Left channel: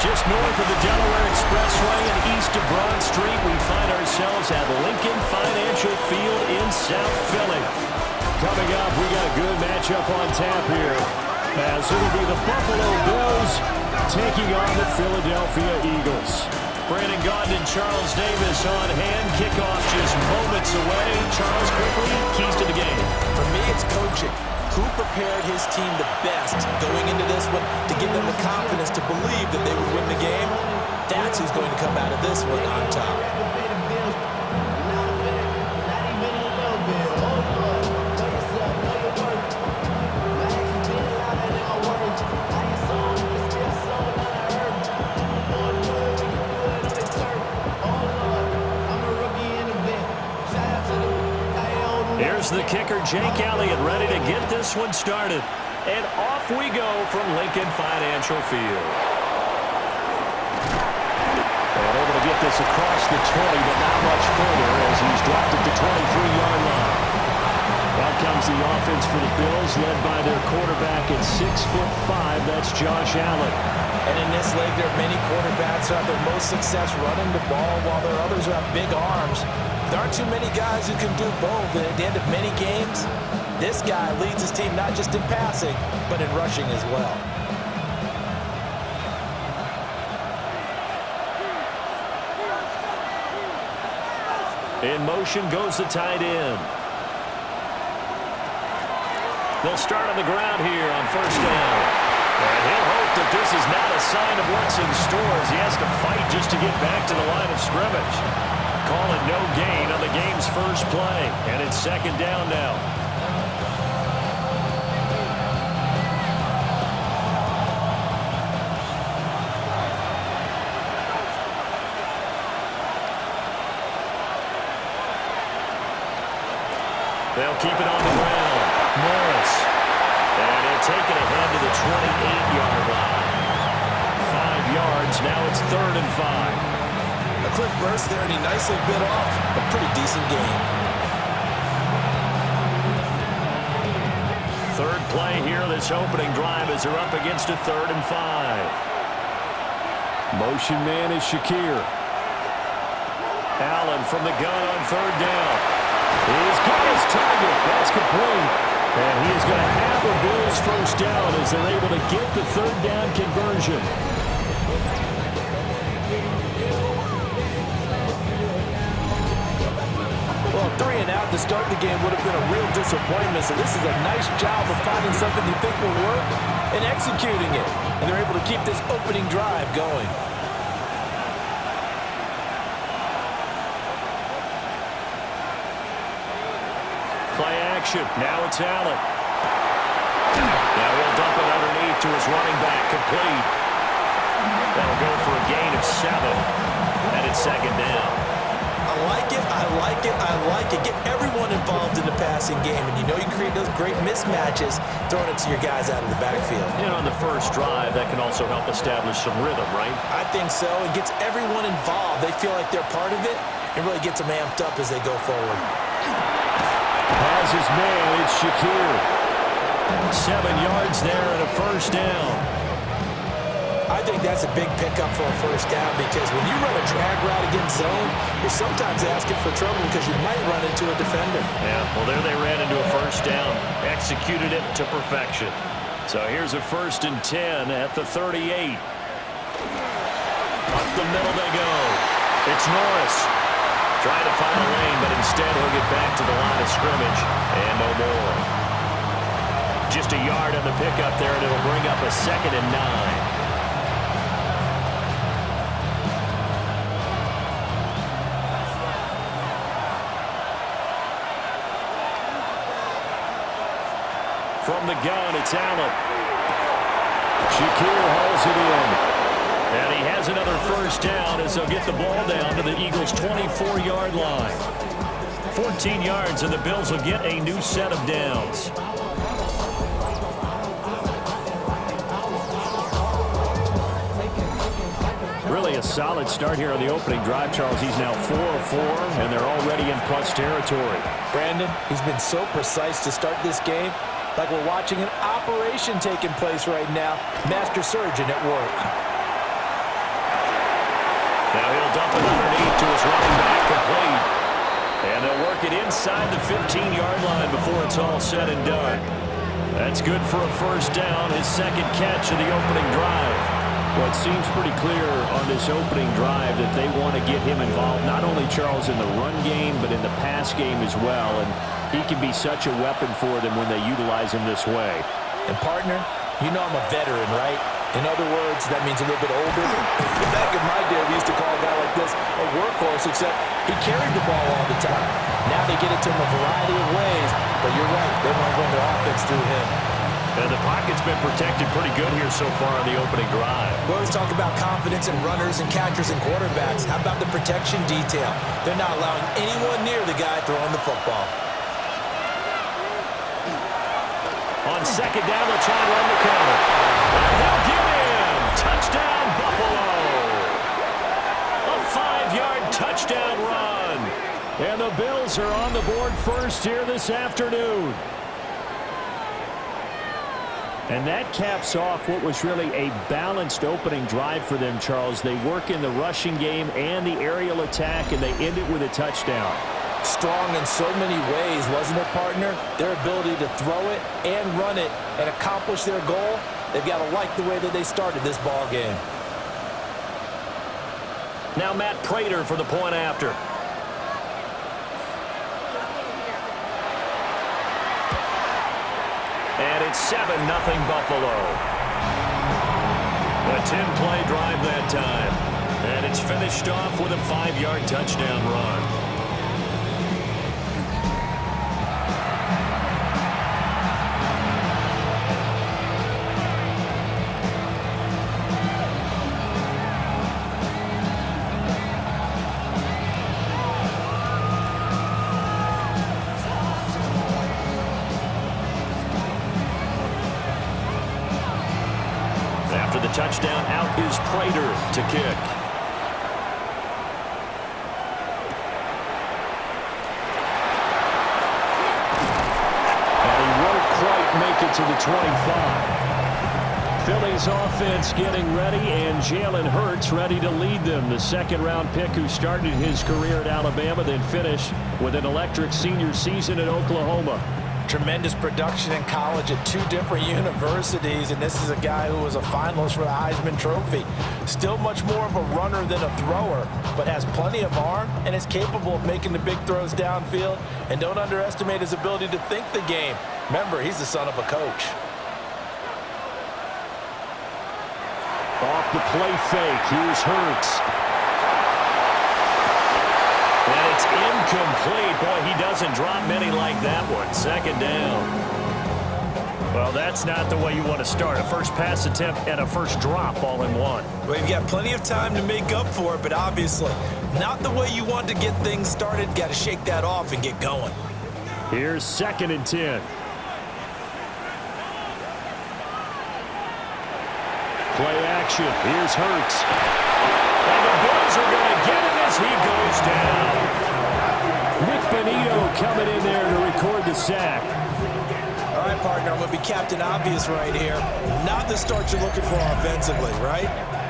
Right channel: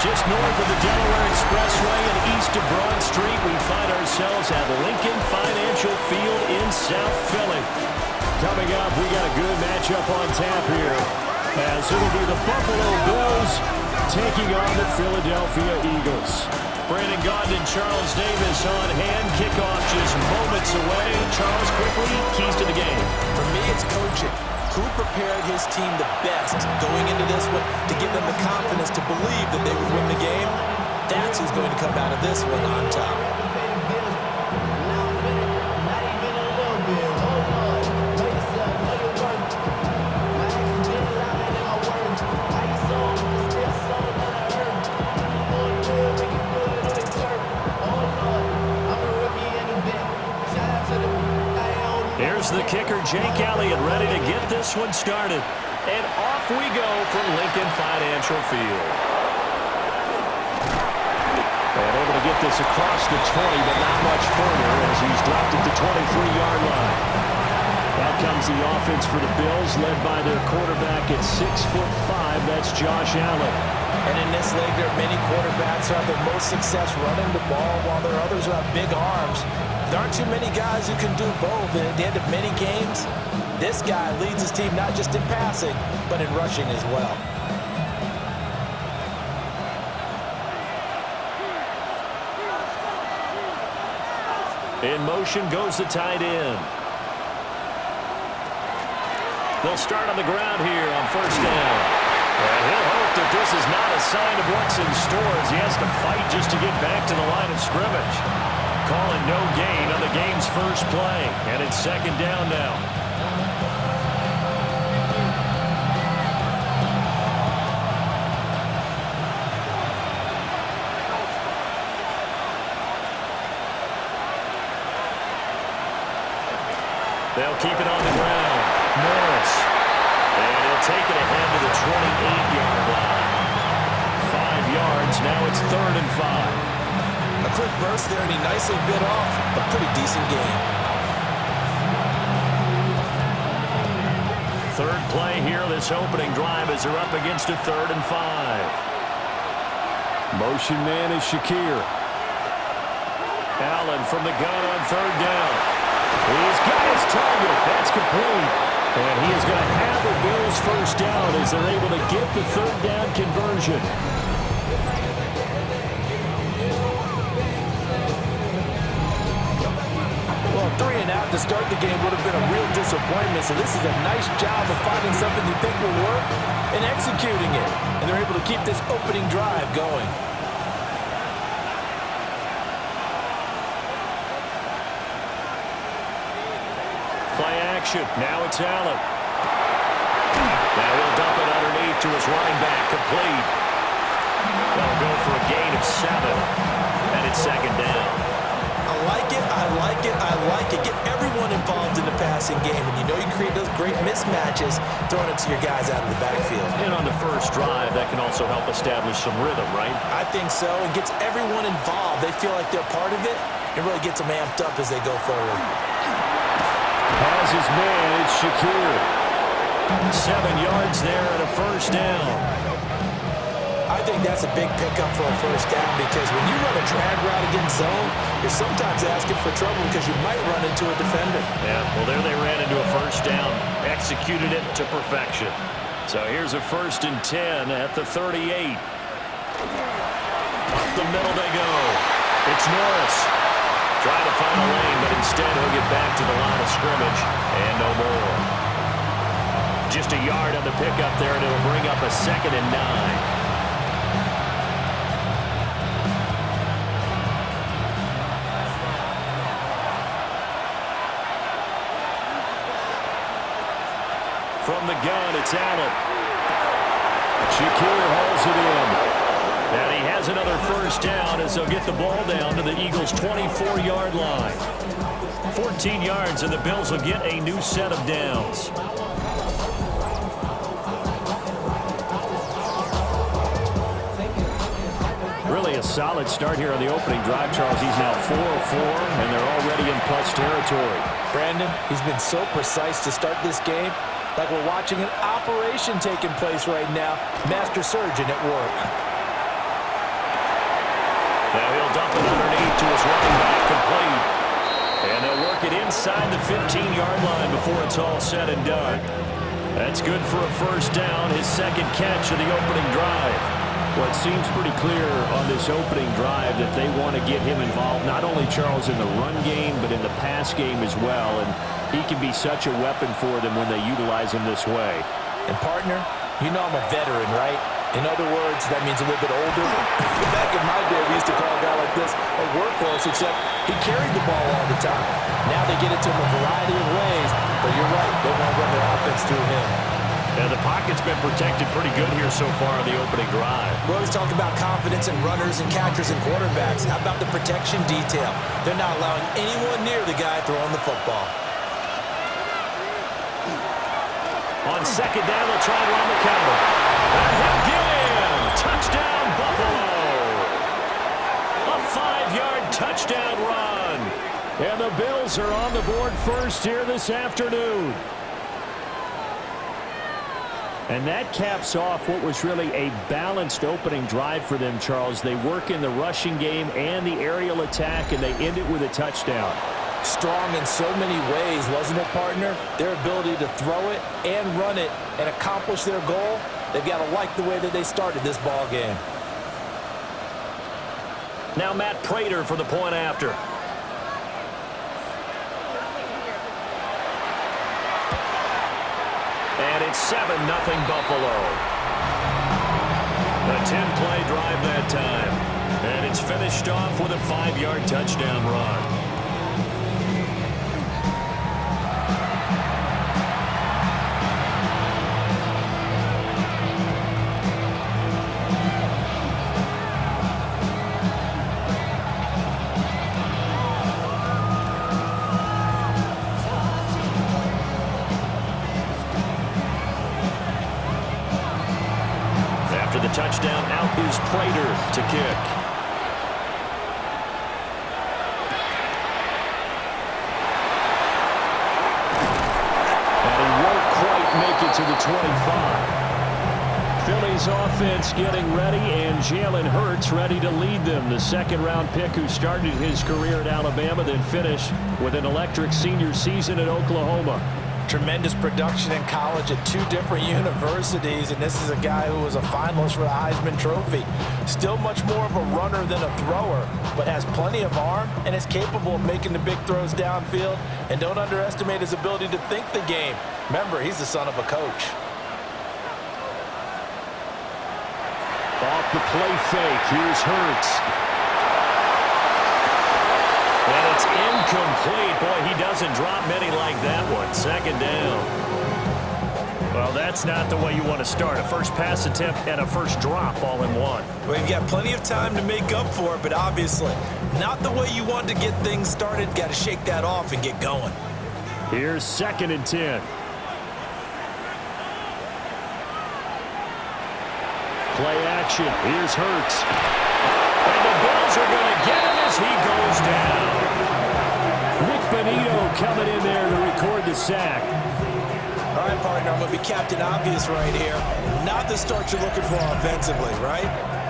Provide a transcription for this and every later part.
Just north of the Delaware Expressway and east of Broad Street, we find ourselves at Lincoln Financial Field in South Philly. Coming up, we got a good matchup on tap here, as it'll be the Buffalo Bills taking on the Philadelphia Eagles. Brandon Gaudin and Charles Davis on hand. Kickoff just moments away. Charles, quickly, keys to the game. For me, it's coaching. Who prepared his team the best going into this one to give them the confidence to believe that they would win the game? That's who's going to come out of this one on top. Here's the kicker, Jake Elliott, ready to get this one started. And off we go from Lincoln Financial Field. And able to get this across the 20, but not much further as he's dropped at the 23-yard line. Out comes the offense for the Bills, led by their quarterback at 6'5". That's Josh Allen. And in this league, there are many quarterbacks who have their most success running the ball, while there are others who have big arms. There aren't too many guys who can do both, and at the end of many games, this guy leads his team not just in passing, but in rushing as well. In motion goes the tight end. They'll start on the ground here on first down. And he'll hope that this is not a sign of what's in store as he has to fight just to get back to the line of scrimmage. Calling no gain on the game's first play, and it's second down now. They'll keep it on the ground. Morris. And he'll take it ahead to the 28-yard line. 5 yards. Now it's 3rd and 5. A quick burst there, and he nicely bit off a pretty decent game. Third play here, this opening drive as they're up against a 3rd and 5. Motion man is Shakir. Allen from the gun on 3rd down. He's got his target. That's complete. And he is going to have a Bills first down as they're able to get the 3rd down conversion. Well, 3 and out to start the game would have been a real disappointment, so this is a nice job of finding something you think will work and executing it. And they're able to keep this opening drive going. Play action. Now it's Allen. Now he'll dump it underneath to his running back. Complete. That'll go for a gain of 7. And it's second down. I like it, I like it, I like it. Get everyone involved in the passing game, and you know you can create those great mismatches throwing it to your guys out of the backfield. And on the first drive, that can also help establish some rhythm, right? I think so. It gets everyone involved. They feel like they're part of it. It really gets them amped up as they go forward. Has his man, it's Shakir. 7 yards there and a first down. I think that's a big pickup for a first down, because when you run a drag route against zone, you're sometimes asking for trouble because you might run into a defender. Yeah, well, there they ran into a first down, executed it to perfection. So here's a 1st and 10 at the 38. Up the middle they go. It's Norris. Trying to find a lane, but instead he'll get back to the line of scrimmage and no more. Just a yard on the pickup there, and it'll bring up a 2nd and 9. From the gun, it's Allen. Shakir hauls it in. And he has another first down as they'll get the ball down to the Eagles' 24-yard line. 14 yards, and the Bills will get a new set of downs. Really a solid start here on the opening drive, Charles. He's now 4 of 4, and they're already in plus territory. Brandon, he's been so precise to start this game, like we're watching an operation taking place right now. Master surgeon at work. Now he'll dump it underneath to his running back, complete. And they'll work it inside the 15-yard line before it's all said and done. That's good for a first down, his second catch of the opening drive. Well, it seems pretty clear on this opening drive that they want to get him involved, not only, Charles, in the run game, but in the pass game as well. And he can be such a weapon for them when they utilize him this way. And, partner, you know I'm a veteran, right? In other words, that means a little bit older. Back in my day, we used to call a guy like this a workhorse, except he carried the ball all the time. Now they get it to him a variety of ways, but you're right, they want to run their offense through him. Yeah, the pocket's been protected pretty good here so far on the opening drive. We always talk about confidence in runners and catchers and quarterbacks. How about the protection detail? They're not allowing anyone near the guy throwing the football. On second down, they'll try and run the counter. And he'll get in. Touchdown, Buffalo. A 5-yard touchdown run. And the Bills are on the board first here this afternoon. And that caps off what was really a balanced opening drive for them, Charles. They work in the rushing game and the aerial attack, and they end it with a touchdown. Strong in so many ways, wasn't it, partner? Their ability to throw it and run it and accomplish their goal, they've got to like the way that they started this ball game. Now Matt Prater for the point after. And it's 7-0 Buffalo. A 10-play drive that time. And it's finished off with a 5-yard touchdown run. After the touchdown, out is Prater to kick. And he won't quite make it to the 25. Philly's offense getting ready, and Jalen Hurts ready to lead them. The second-round pick who started his career at Alabama, then finished with an electric senior season at Oklahoma. Tremendous production in college at 2 different universities, and this is a guy who was a finalist for the Heisman Trophy. Still much more of a runner than a thrower, but has plenty of arm and is capable of making the big throws downfield. And don't underestimate his ability to think the game. Remember, he's the son of a coach. Off the play fake, here's Hurts. And it's incomplete. Boy, he doesn't drop many like that one. Second down. Well, that's not the way you want to start. A first pass attempt and a first drop all in one. Well, you've got plenty of time to make up for it, but obviously not the way you want to get things started. Got to shake that off and get going. Here's 2nd and 10. Play action. Here's Hurts. And the Bills are going to get him as he goes down. Nick Bonito coming in there to record the sack. All right, partner, I'm going to be Captain Obvious right here. Not the start you're looking for offensively, right?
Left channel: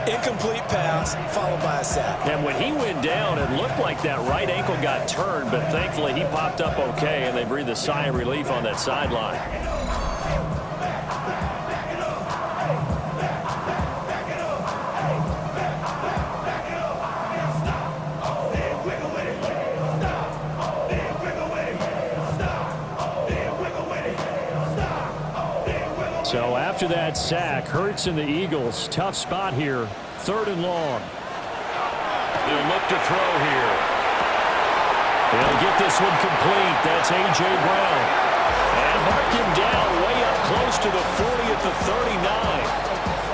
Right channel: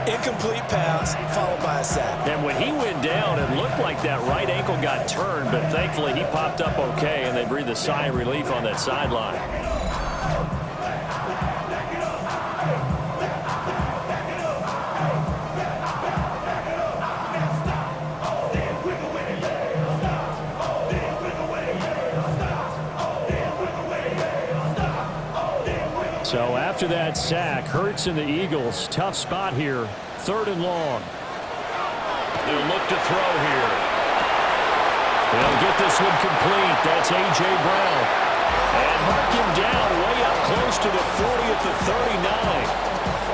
Incomplete pass followed by a sack. And when he went down, it looked like that right ankle got turned, but thankfully he popped up okay, and they breathed a sigh of relief on that sideline. So after that sack, Hurts and the Eagles, tough spot here. 3rd and long. They'll look to throw here. They'll get this one complete. That's A.J. Brown. And mark him down way up close to the 40 at the 39.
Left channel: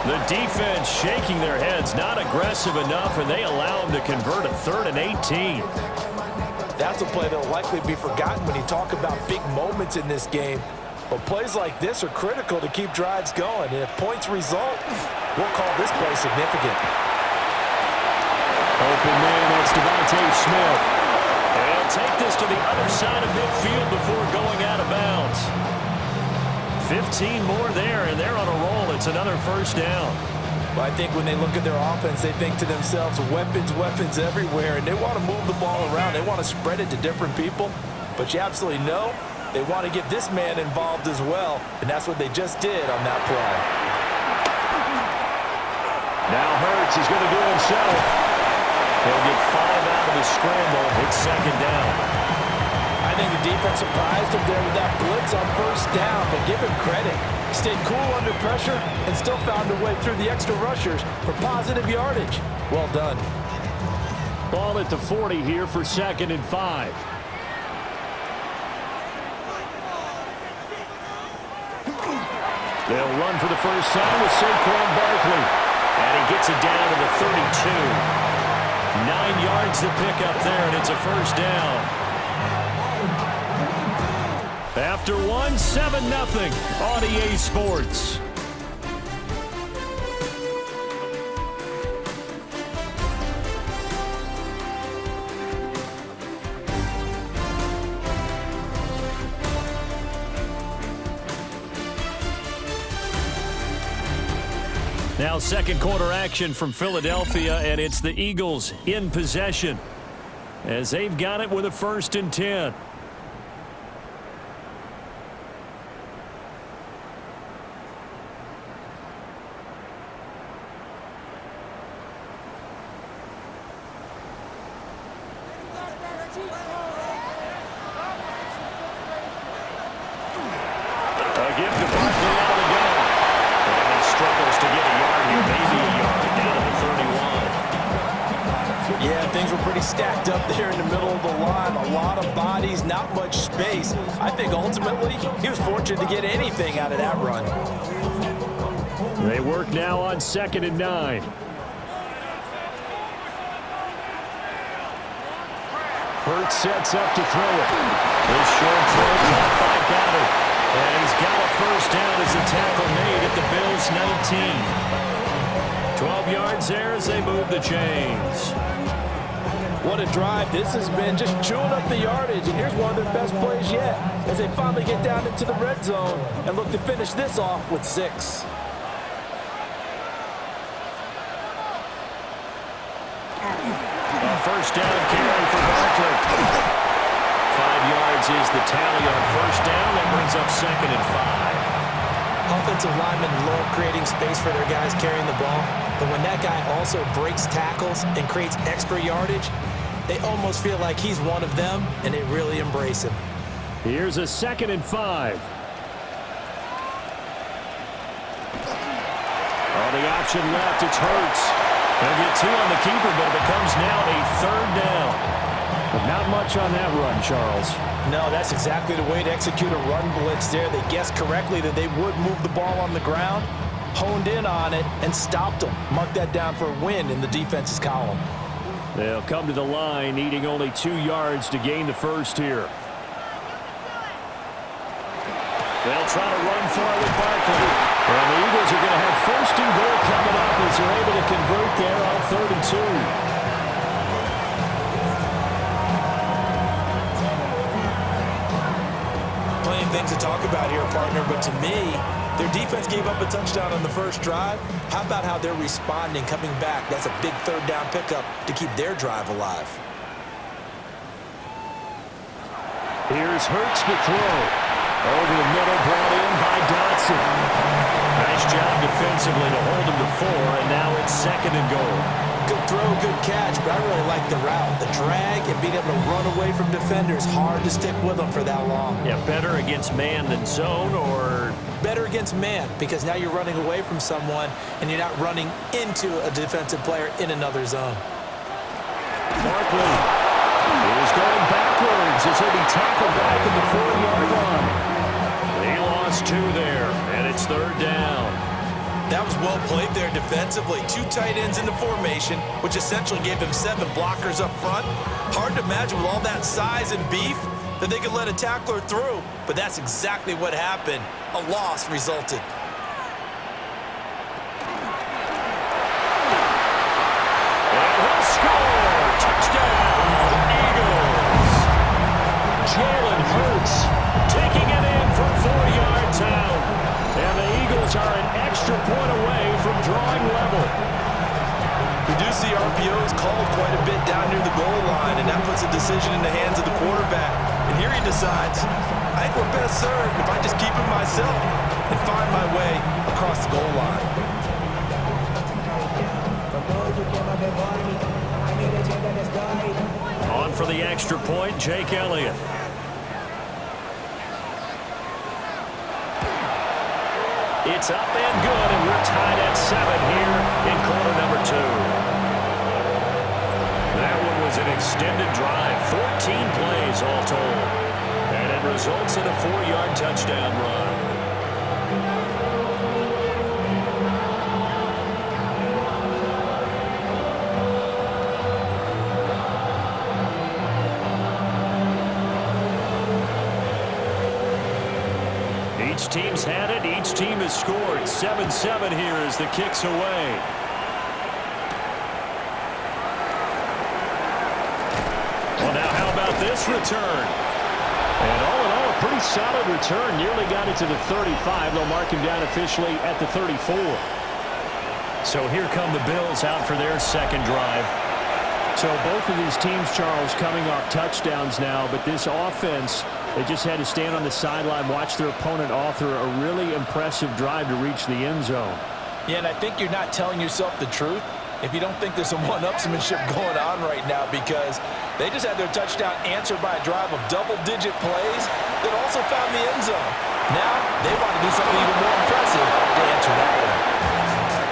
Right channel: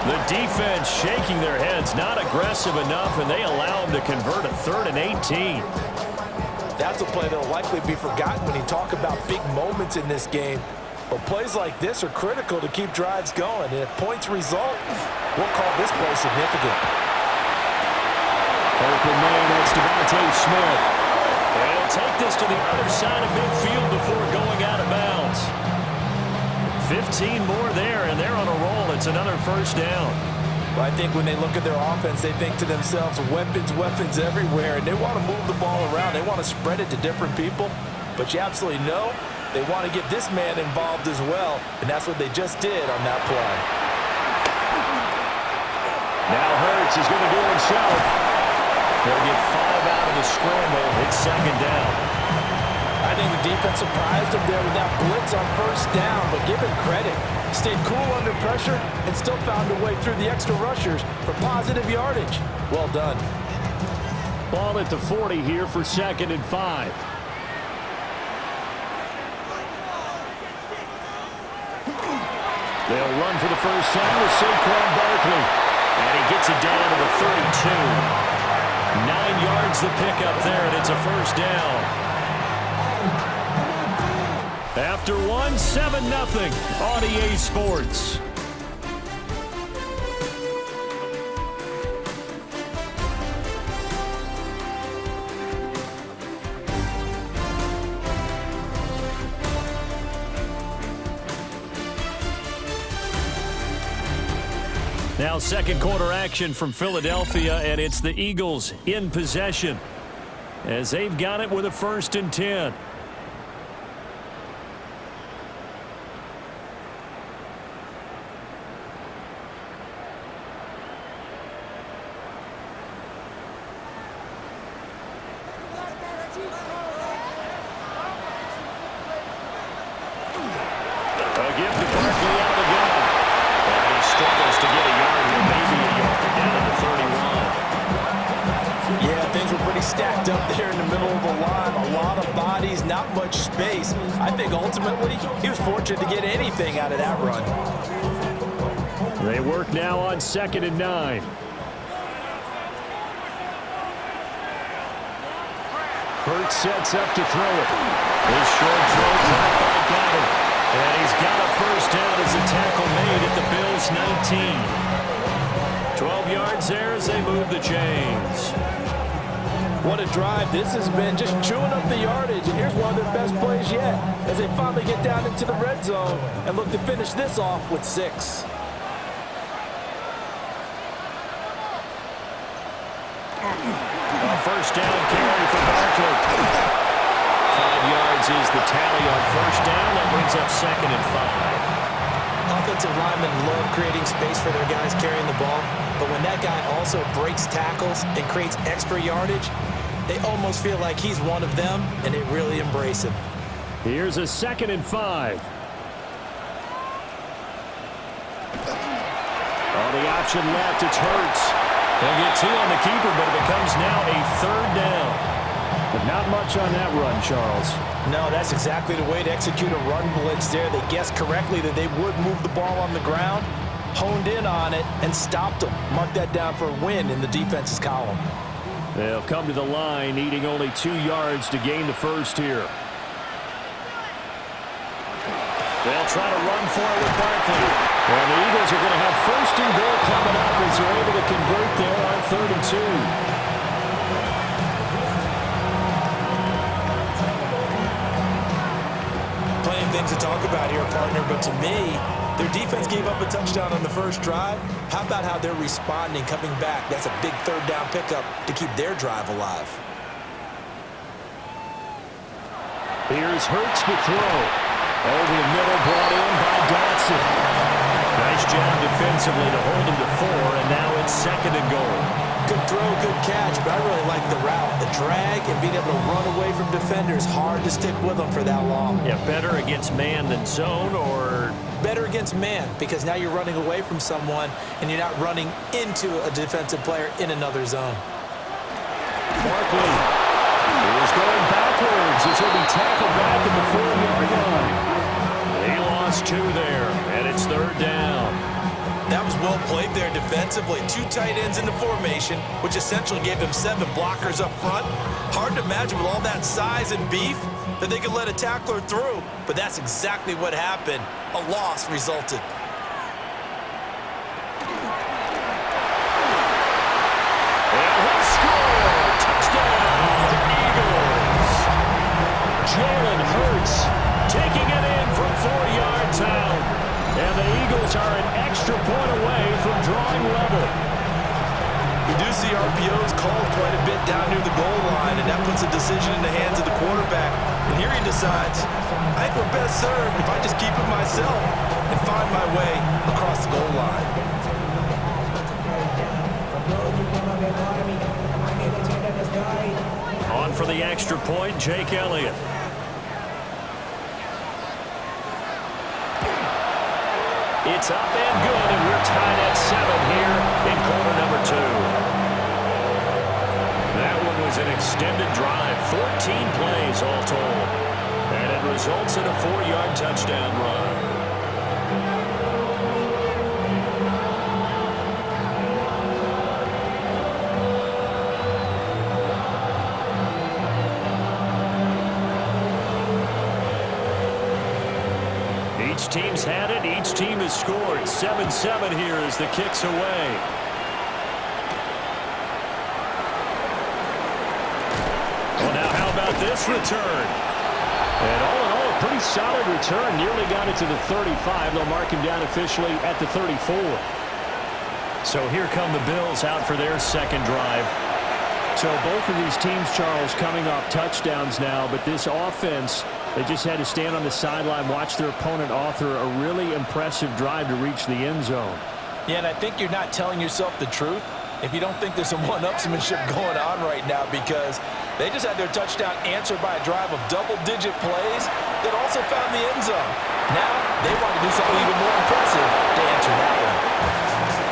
The defense shaking their heads, not aggressive enough, and they allow him to convert a 3rd and 18. That's a play that will likely be forgotten when you talk about big moments in this game. But plays like this are critical to keep drives going. And if points result, we'll call this play significant. Open man, that's Devontae Smith. And he'll take this to the other side of midfield before going out of bounds. 15 more there, and they're on a roll. It's another first down. Well, I think when they look at their offense, they think to themselves, weapons, weapons everywhere, and they want to move the ball around. They want to spread it to different people, but you absolutely know they want to get this man involved as well, and that's what they just did on that play. Now Hurts is going to do it himself. He'll get 5 out of the scramble. It's second down. I think the defense surprised him there with that blitz on first down, but give him credit. Stayed cool under pressure and still found a way through the extra rushers for positive yardage. Well done. Ball at the 40 here for 2nd and 5. They'll run for the first time with Saquon Barkley. And he gets it down to the 32. 9 yards to pick up there, and it's a first down. After 7-0 on EA Sports. Now second quarter action from Philadelphia, and it's the Eagles in possession as they've got it with a 1st and 10. A give to Barkley out of the gun. And he struggles to get a yard here, maybe a yard, down to the 31. Yeah, things were pretty stacked up there in the middle of the line. A lot of bodies, not much space. I think ultimately he was fortunate to get anything out of that run. They work now on 2nd and 9. Hurts sets up to throw it. His short throw caught by Goddard. And he's got a first down as a tackle made at the Bills' 19. 12 yards there as they move the chains. What a drive. This has been just chewing up the yardage. And here's one of their best plays yet as they finally get down into the red zone and look to finish this off with 6. A first down carry for Barkley. 5 yards is the tally on first down. That brings up 2nd and 5. Offensive linemen love creating space for their guys carrying the ball, but when that guy also breaks tackles and creates extra yardage, they almost feel like he's one of them, and they really embrace him. Here's a 2nd and 5. Oh, the option left, it's Hurts. He'll get 2 on the keeper, but it becomes now a 3rd down. But not much on that run, Charles. No, that's exactly the way to execute a run blitz there. They guessed correctly that they would move the ball on the ground, honed in on it, and stopped them. Mark that down for a win in the defense's column. They'll come to the line, needing only 2 yards to gain the first here. They'll try to run for it with Barkley. And the Eagles are going to have 1st and goal coming up as they're able to convert there on 3rd and 2. Plenty of things to talk about here, partner, but to me, their defense gave up a touchdown on the first drive. How about how they're responding, coming back? That's a big 3rd down pickup to keep their drive alive. Here's Hurts to throw. Over the middle, brought in by Dotson. Nice job defensively to hold him to 4, and now it's 2nd and goal. Good throw, good catch, but I really like the route. The drag and being able to run away from defenders, hard to stick with them for that long. Yeah, better against man than zone, or? Better against man, because now you're running away from someone, and you're not running into a defensive player in another zone. Barkley is going backwards as he'll be tackled back at the 4-yard line. He lost 2 there, and it's 3rd down. That was well played there defensively. 2 tight ends in the formation, which essentially gave them 7 blockers up front. Hard to imagine with all that size and beef that they could let a tackler through, but that's exactly what happened. A loss resulted. And he'll score! Touchdown, Eagles! Jalen Hurts taking it in from 4 yards out. And the Eagles are an extra point away from drawing level. We do see RPOs called quite a bit down near the goal line, and that puts a decision in the hands of the quarterback. And here he decides, I think we're best served if I just keep it myself and find my way across the goal line. On for the extra point, Jake Elliott. It's up and good, and we're tied at 7 here in quarter number 2. That one was an extended drive, 14 plays all told. And it results in a 4-yard touchdown run. Each team's had it. Each team has scored. 7-7 here as the kick's away. Well, now how about this return? And all in all, a pretty solid return. Nearly got it to the 35. They'll mark him down officially at the 34. So here come the Bills out for their second drive. So both of these teams, Charles, coming off touchdowns now, but this offense, they just had to stand on the sideline, watch their opponent author a really impressive drive to reach the end zone. Yeah, and I think you're not telling yourself the truth if you don't think there's some one-upsmanship going on right now, because they just had their touchdown answered by a drive of double-digit plays that also found the end zone. Now they want to do something even more impressive to answer that one.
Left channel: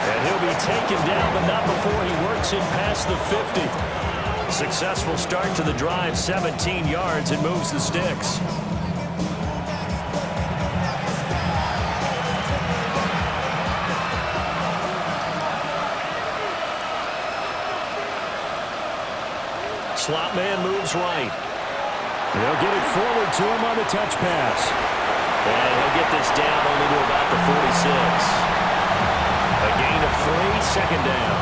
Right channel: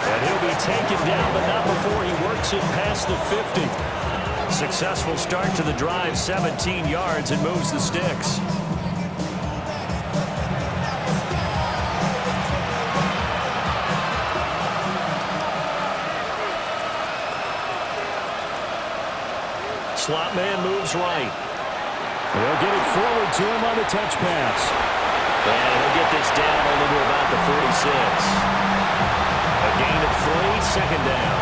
And he'll be taken down, but not before he works it past the 50. Successful start to the drive, 17 yards. It moves the sticks. Slot man moves right. They'll get it forward to him on the touch pass. And he'll get this down only to about the 46. A gain of 3, second down.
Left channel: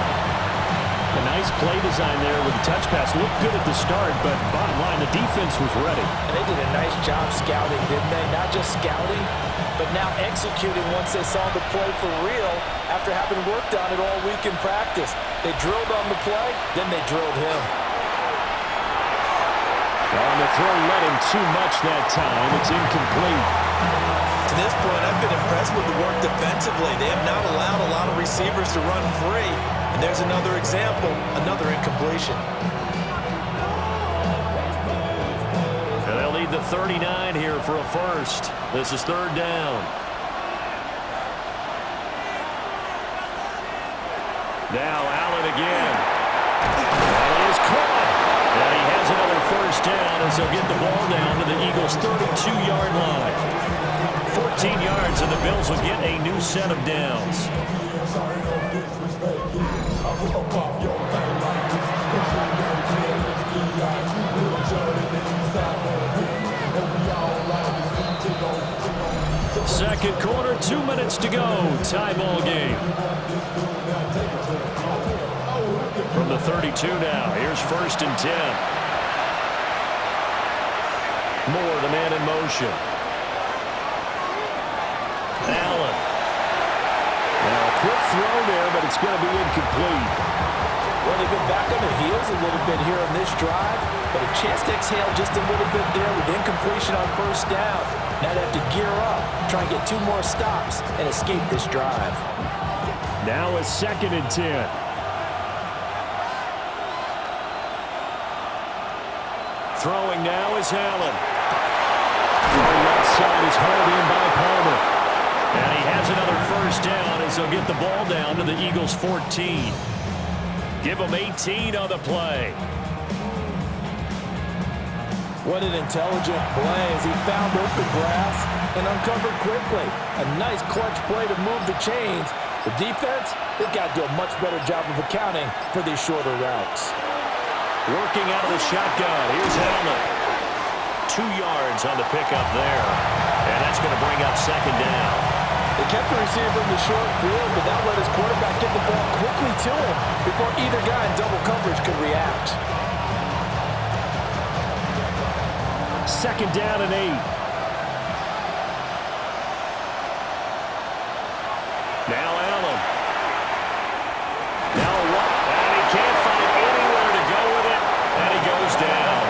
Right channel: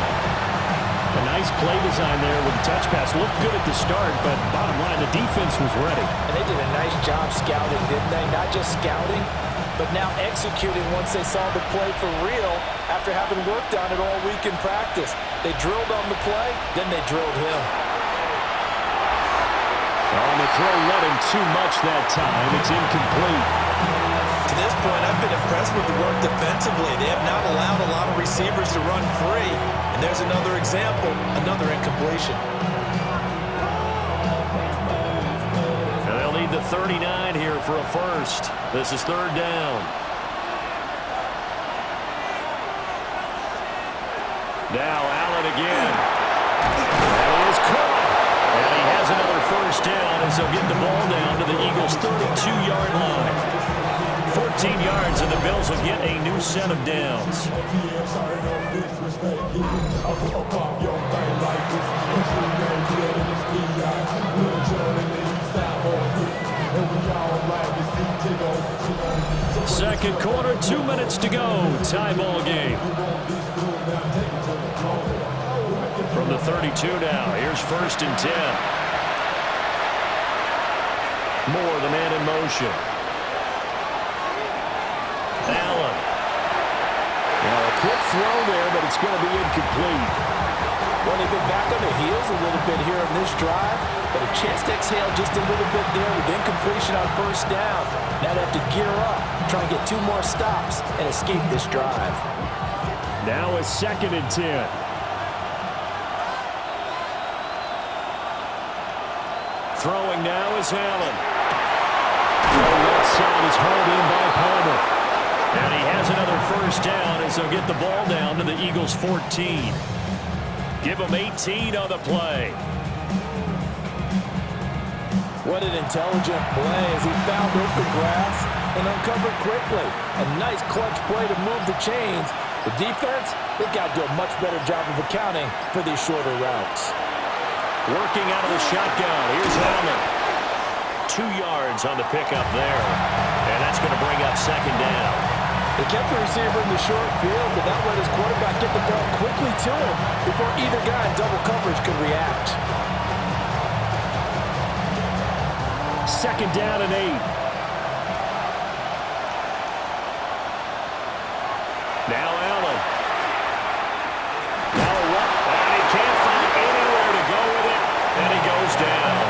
A nice play design there with the touch pass. Looked good at the start, but bottom line, the defense was ready. And they did a nice job scouting, didn't they? Not just scouting, but now executing once they saw the play for real after having worked on it all week in practice. They drilled on the play, then they drilled him. On the throw, led him too much that time. It's incomplete. To this point, I've been impressed with the work defensively. They have not allowed a lot of receivers to run free. And there's another example, another incompletion. And they'll need the 39 here for a first. This is third down. Now Allen again. That is caught. And he has another first down as they'll get the ball down to the Eagles' 32-yard line. 14 yards, and the Bills will get a new set of downs. Second quarter, 2 minutes to go. Tie ball game. From the 32 now, here's 1st and 10. Moore, the man in motion. Allen. Now a quick throw there, but it's going to be incomplete. Well, they've been back on their heels a little bit here on this drive, but a chance to exhale just a little bit there with incompletion on first down. Now they have to gear up, try and get 2 more stops, and escape this drive. Now a 2nd and 10. Throwing now is Allen. The left side is hauled in by Palmer. And he has another first down as they'll get the ball down to the Eagles' 14. Give them 18 on the play. What an intelligent play as he found open grass and uncovered quickly. A nice clutch play to move the chains. The defense, they've got to do a much better job of accounting for these shorter routes. Working out of the shotgun. Here's Allen. 2 yards on the pickup there. And that's going to bring up second down. They kept the receiver in the short field, but that let his quarterback get the ball quickly to him before either guy in double coverage could react. 2nd down and 8. Now Allen. Now what? And he can't find anywhere to go with it, and he goes down.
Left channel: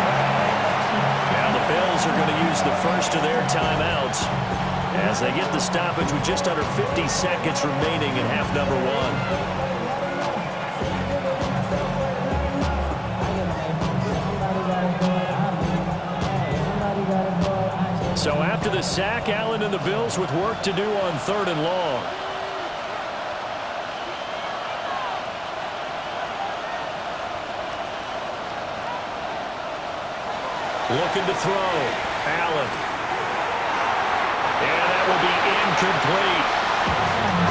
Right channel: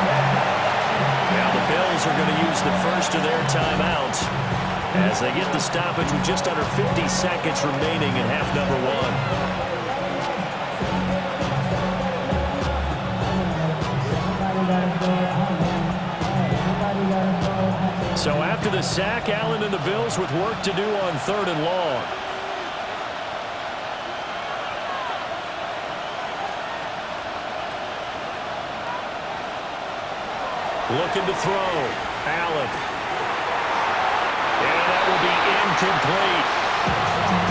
Now the Bills are going to use the first of their timeouts as they get the stoppage with just under 50 seconds remaining in half number one. So after the sack, Allen and the Bills with work to do on 3rd and long. Looking to throw. Allen. And that will be incomplete.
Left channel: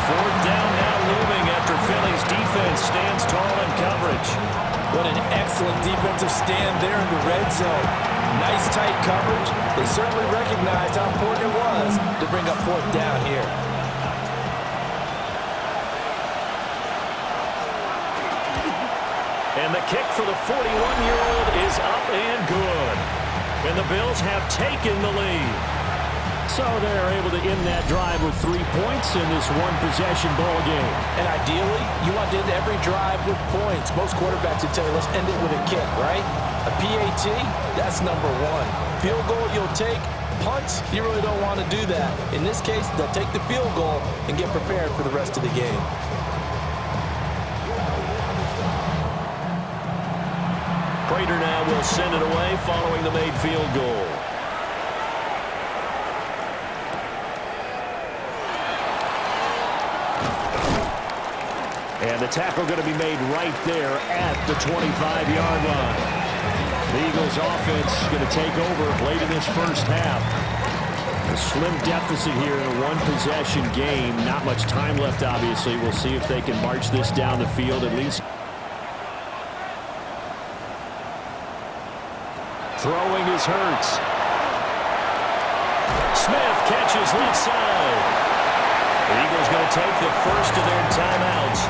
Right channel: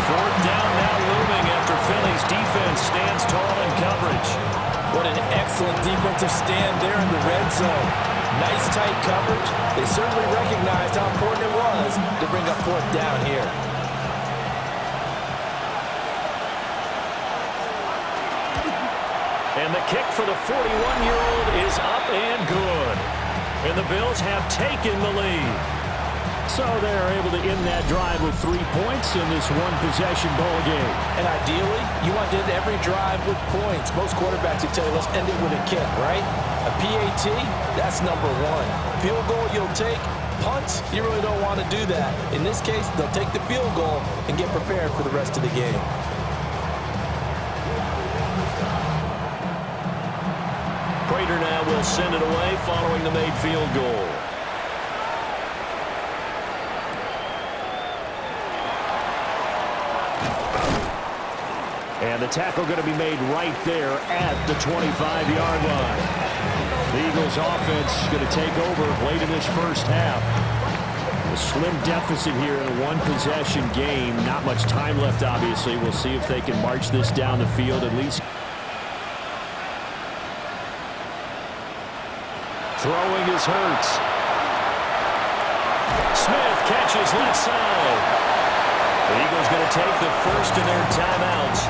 4th down now looming after Philly's defense stands tall in coverage. What an excellent defensive stand there in the red zone. Nice tight coverage. They certainly recognized how important it was to bring up 4th down here. And the kick for the 41-year-old is up and good. And the Bills have taken the lead. So they're able to end that drive with 3 points in this one-possession ball game. And ideally, you want to end every drive with points. Most quarterbacks would tell you, let's end it with a kick, right? A PAT, that's number 1. Field goal you'll take. Punts, you really don't want to do that. In this case, they'll take the field goal and get prepared for the rest of the game. Prater now will send it away following the made field goal. And the tackle going to be made right there at the 25-yard line. The Eagles offense going to take over late in this first half. A slim deficit here in a one-possession game. Not much time left, obviously. We'll see if they can march this down the field at least. Throwing is Hurts. Smith catches left side. The Eagles going to take the first of their timeouts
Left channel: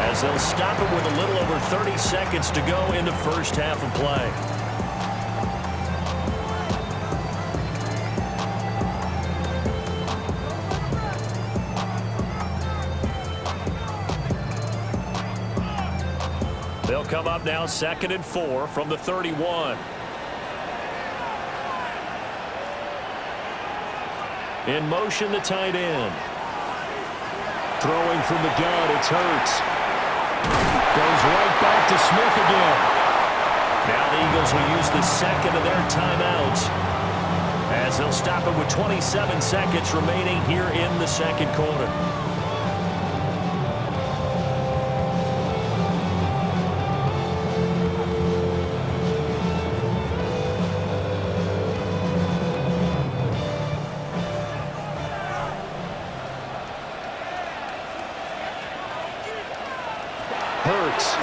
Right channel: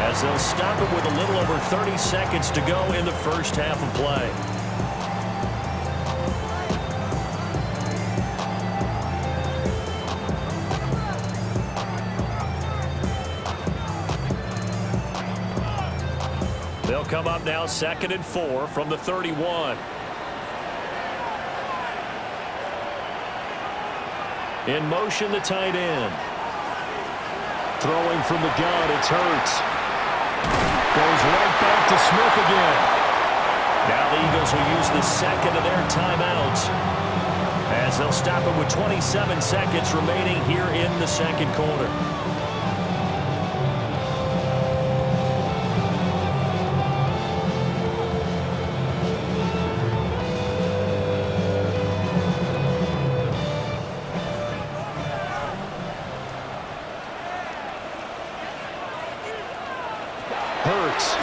as they'll stop it with a little over 30 seconds to go in the first half of play. They'll come up now 2nd and 4 from the 31. In motion, the tight end. Throwing from the gun, it's Hurts. Goes right back to Smith again. Now the Eagles will use the second of their timeouts as they'll stop it with 27 seconds remaining here in the second quarter. Hurts.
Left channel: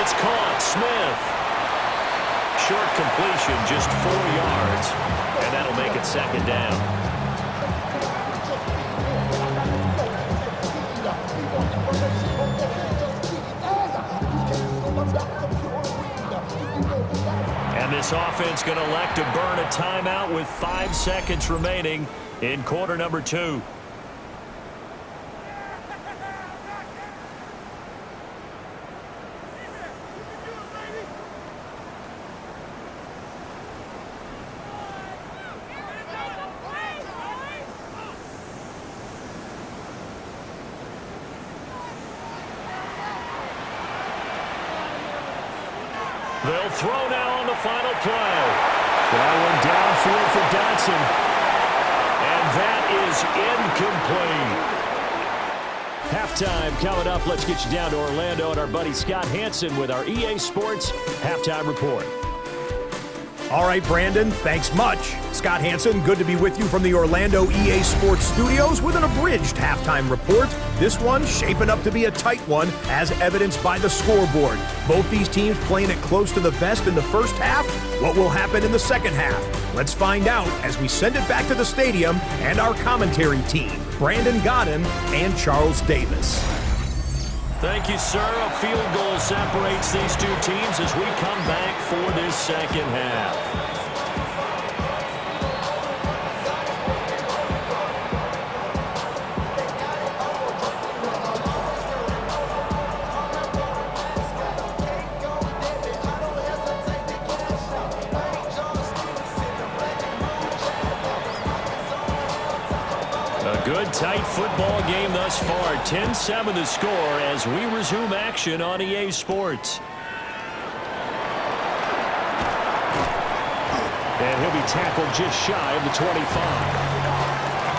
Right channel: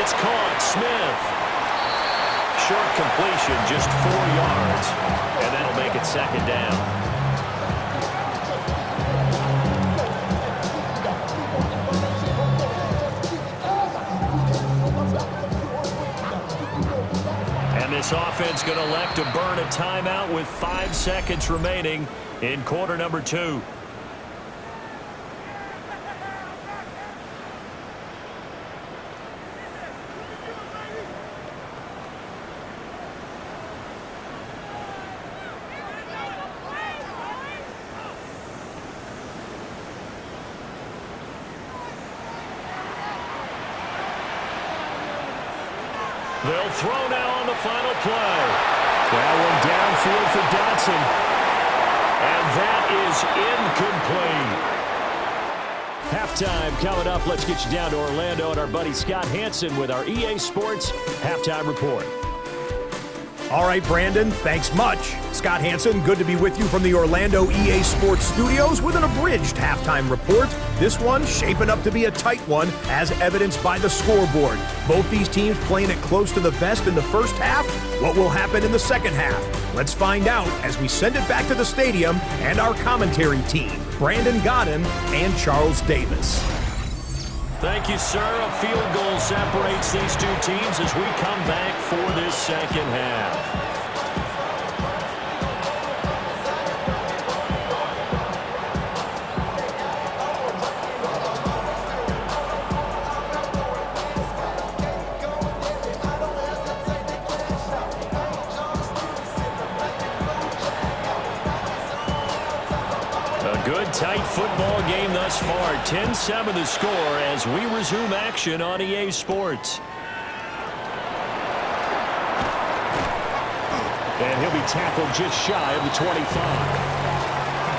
It's caught. Smith. Short completion, just 4 yards. And that'll make it 2nd down. And this offense going to elect to burn a timeout with 5 seconds remaining in quarter number 2. They'll throw now on the final play. That one downfield for Dotson. And that is incomplete. Halftime coming up. Let's get you down to Orlando and our buddy Scott Hansen with our EA Sports Halftime Report. All right, Brandon, thanks much. Scott Hansen, good to be with you from the Orlando EA Sports Studios with an abridged halftime report. This one shaping up to be a tight one, as evidenced by the scoreboard. Both these teams playing it close to the vest in the first half. What will happen in the second half? Let's find out as we send it back to the stadium and our commentary team, Brandon Godden and Charles Davis. Thank you, sir. A field goal separates these two teams as we come back for this second half. Good tight football game thus far. 10-7 the score as we resume action on EA Sports. And he'll be tackled just shy of the 25.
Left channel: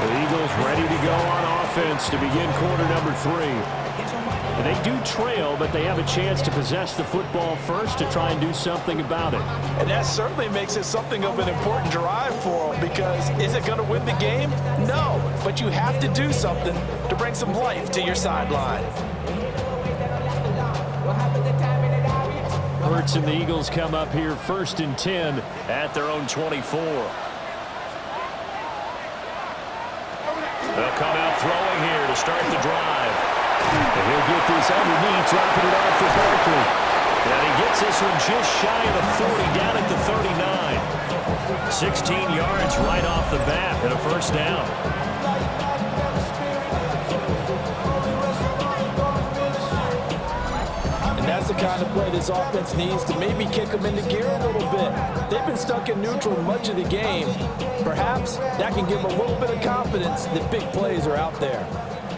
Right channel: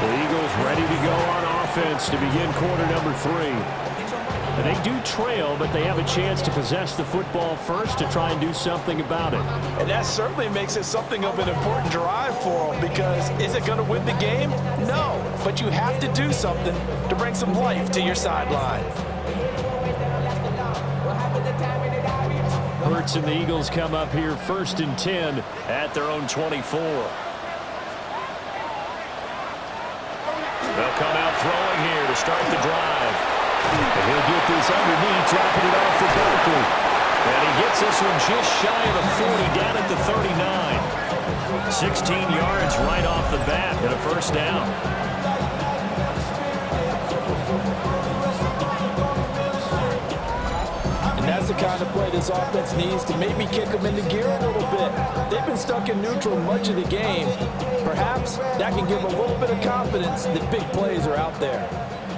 The Eagles ready to go on offense to begin quarter number 3. And they do trail, but they have a chance to possess the football first to try and do something about it. And that certainly makes it something of an important drive for them, because is it going to win the game? No, but you have to do something to bring some life to your sideline. Hurts and the Eagles come up here 1st and 10 at their own 24. They'll come out throwing here to start the drive. And he'll get this underneath, dropping it off for Barkley. And he gets this one just shy of the 40, down at the 39. 16 yards right off the bat and a first down. And that's the kind of play this offense needs to maybe kick them into gear a little bit. They've been stuck in neutral much of the game. Perhaps that can give them a little bit of confidence that big plays are out there.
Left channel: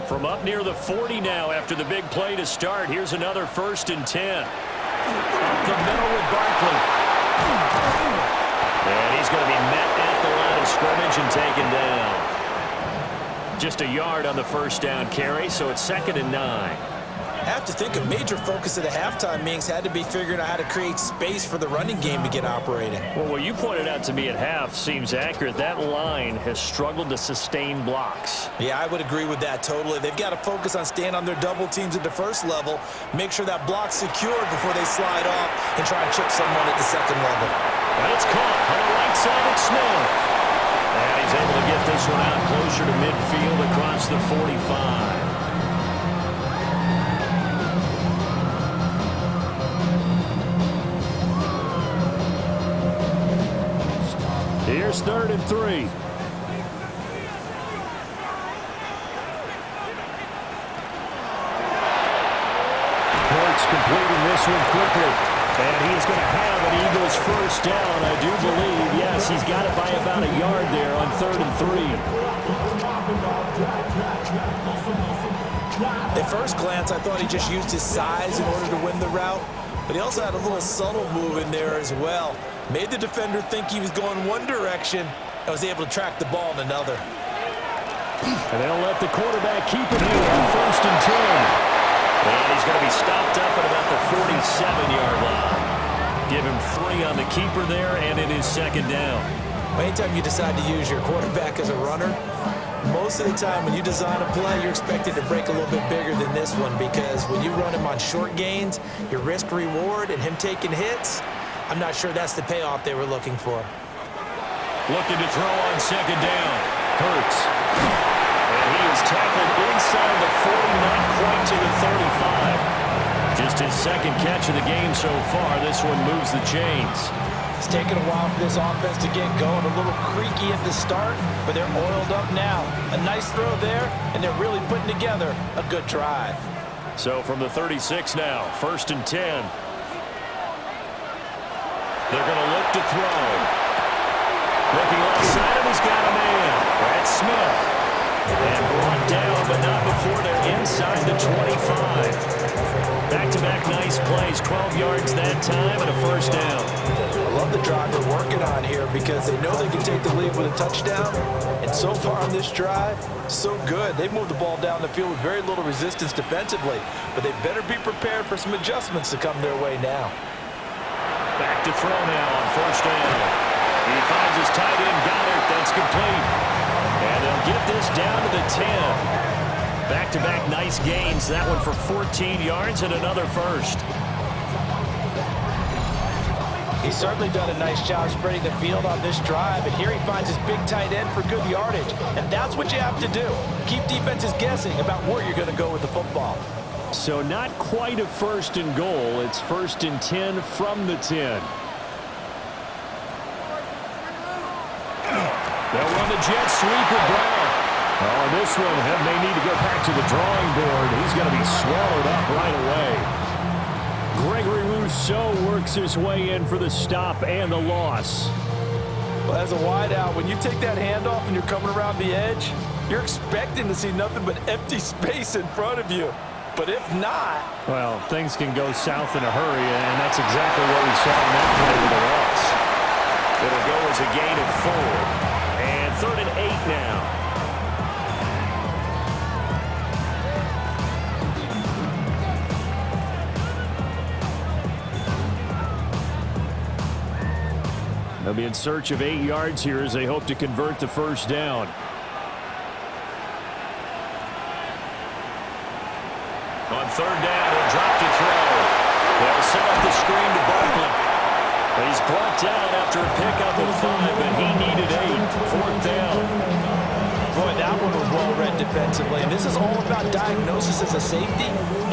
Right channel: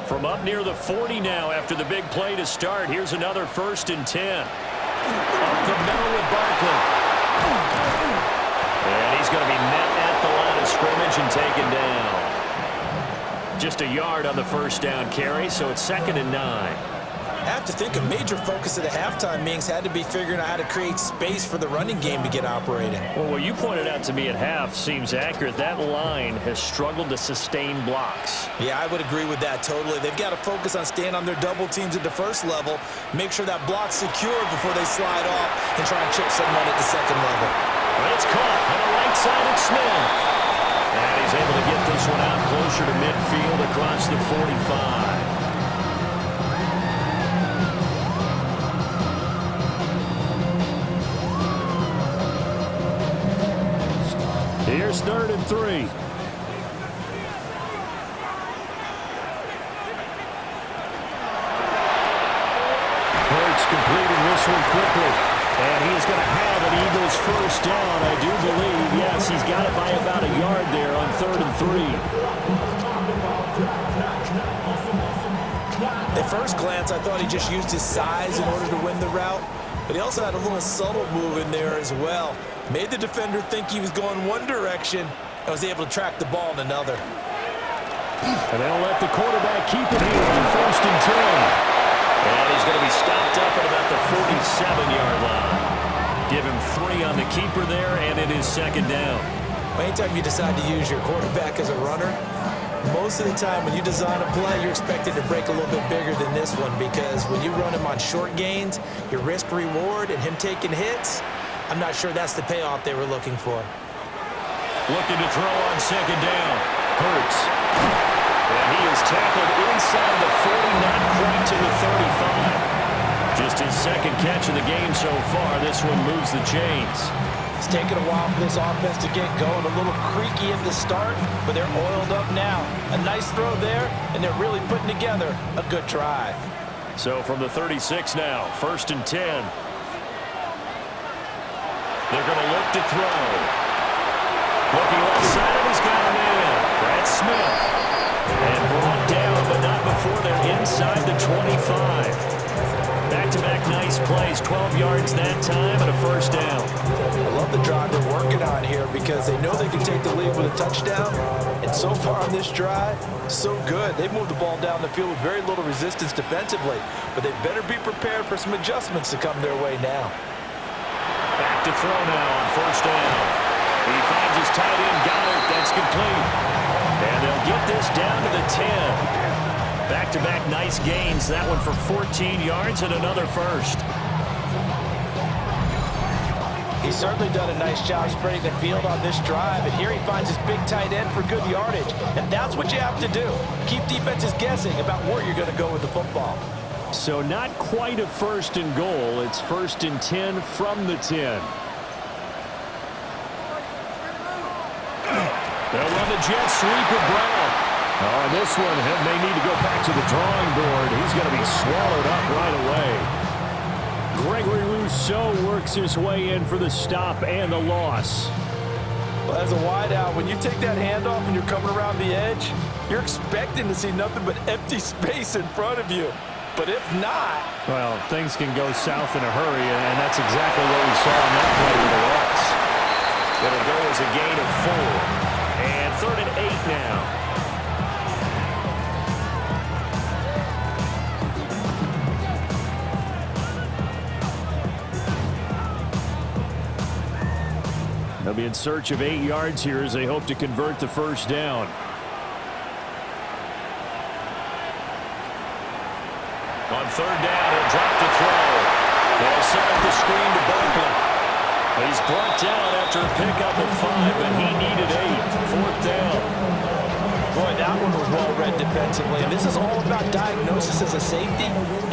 From up near the 40 now after the big play to start. Here's another 1st and 10. Up the middle with Barkley. And he's going to be met at the line of scrimmage and taken down. Just a yard on the first down carry, so it's 2nd and 9. I have to think a major focus of the halftime meetings had to be figuring out how to create space for the running game to get operating. Well, what you pointed out to me at half seems accurate. That line has struggled to sustain blocks. Yeah, I would agree with that totally. They've got to focus on staying on their double teams at the first level, make sure that block's secured before they slide off and try and chip someone at the second level. But it's caught on the right side at Smith. And he's able to get this one out closer to midfield across the 45. Here's 3rd and 3. Hurts completing this one quickly. And he is going to have an Eagles first down, I do believe. Yes, he's got it by about a yard there on 3rd and 3. At first glance, I thought he just used his size in order to win the route. But he also had a little subtle move in there as well. Made the defender think he was going one direction and was able to track the ball in another. And they'll let the quarterback keep it here on 1st and 10. And he's going to be stopped up at about the 47-yard line. Give him 3 on the keeper there, and it is 2nd down. Anytime you decide to use your quarterback as a runner, most of the time when you design a play, you're expected to break a little bit bigger than this one, because when you run him on short gains, your risk-reward and him taking hits, I'm not sure that's the payoff they were looking for. Looking to throw on 2nd down. Hurts. And he is tackled inside the 40, not quite to the 35. Just his 2nd catch of the game so far. This one moves the chains. It's taken a while for this offense to get going. A little creaky at the start, but they're oiled up now. A nice throw there, and they're really putting together a good drive. So from the 36 now, 1st and 10. They're going to look to throw. Looking left side, and he's got a man. That's Smith. And brought down, but not before they're inside the 25. Back-to-back nice plays, 12 yards that time, and a first down. I love the drive they're working on here, because they know they can take the lead with a touchdown. And so far on this drive, so good. They've moved the ball down the field with very little resistance defensively, but they better be prepared for some adjustments to come their way now. Back to throw now on 1st down. He finds his tight end, Goddard. That's complete. And they'll get this down to the 10. Back-to-back nice gains. That one for 14 yards and another first. He's certainly done a nice job spreading the field on this drive, and here he finds his big tight end for good yardage. And that's what you have to do. Keep defenses guessing about where you're going to go with the football. So not quite a 1st and goal. It's 1st and 10 from the 10. They'll run the jet sweep with Brown. Oh, and this one may need to go back to the drawing board. He's going to be swallowed up right away. Gregory Rousseau works his way in for the stop and the loss. Well, as a wideout, when you take that handoff and you're coming around the edge, you're expecting to see nothing but empty space in front of you. But if not... Well, things can go south in a hurry, and that's exactly what we saw in that play with the loss. It'll go as a gain of 4. And 3rd and 8 now. They'll be in search of 8 yards here as they hope to convert the first down. On 3rd down, he'll drop to throw. They'll set up the screen to Barkley. He's brought down after a pickup of 5, but he needed 8. 4th down. Boy, that one was well read defensively. And this is all about diagnosis as a safety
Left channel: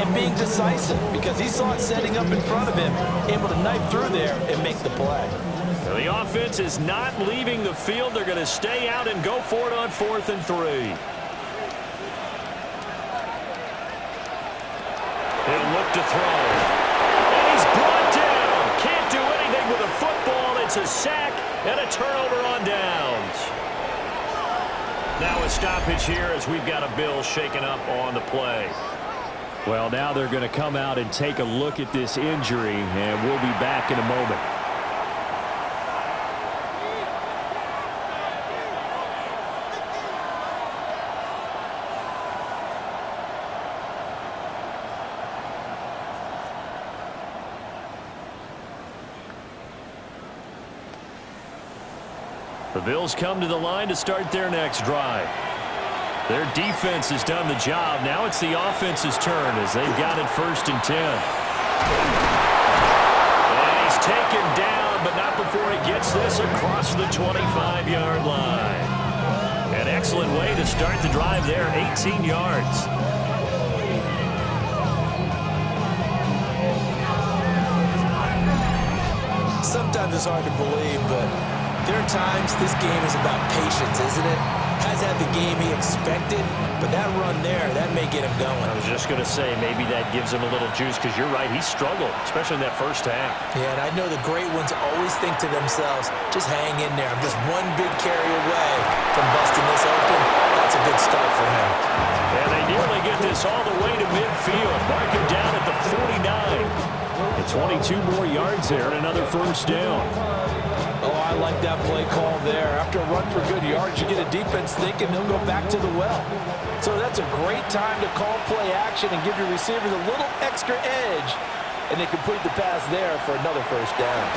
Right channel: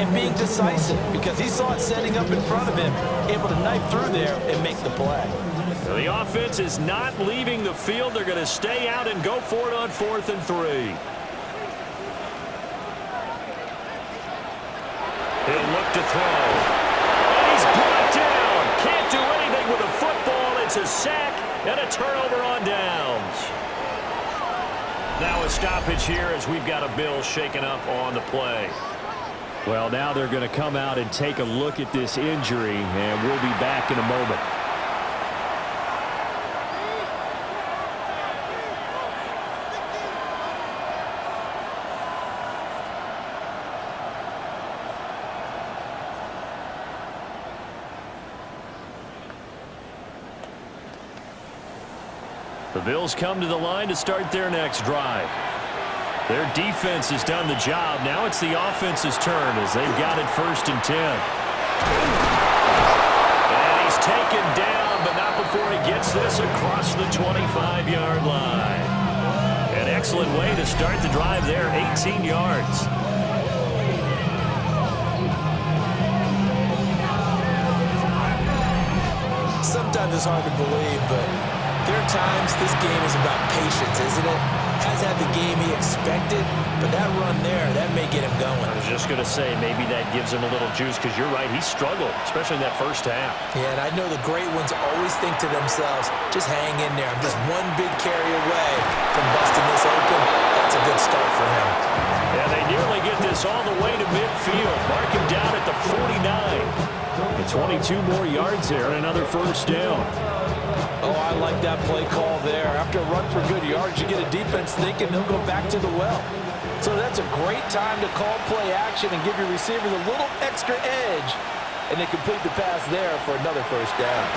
and being decisive, because he saw it setting up in front of him, able to knife through there and make the play. The offense is not leaving the field. They're going to stay out and go for it on 4th and 3. He'll look to throw. And he's brought down. Can't do anything with a football. It's a sack and a turnover on downs. Now a stoppage here as we've got a Bill shaken up on the play. Well, now they're going to come out and take a look at this injury, and we'll be back in a moment. The Bills come to the line to start their next drive. Their defense has done the job. Now it's the offense's turn as they've got it 1st and 10. And he's taken down, but not before he gets this across the 25-yard line. An excellent way to start the drive there, 18 yards. Sometimes it's hard to believe, but there are times this game is about patience, isn't it? Has had the game he expected, but that run there, that may get him going. I was just going to say, maybe that gives him a little juice, because you're right, he struggled, especially in that first half. Yeah, and I know the great ones always think to themselves, just hang in there. I'm just one big carry away from busting this open. That's a good start for him. And they nearly get this all the way to midfield. Mark him down at the 49. And 22 more yards there and another first down. Oh, I like that play call there. After a run for good yards, you get a defense thinking they'll go back to the well. So that's a great time to call play action and give your receivers a little extra edge. And they complete the pass there for another first down.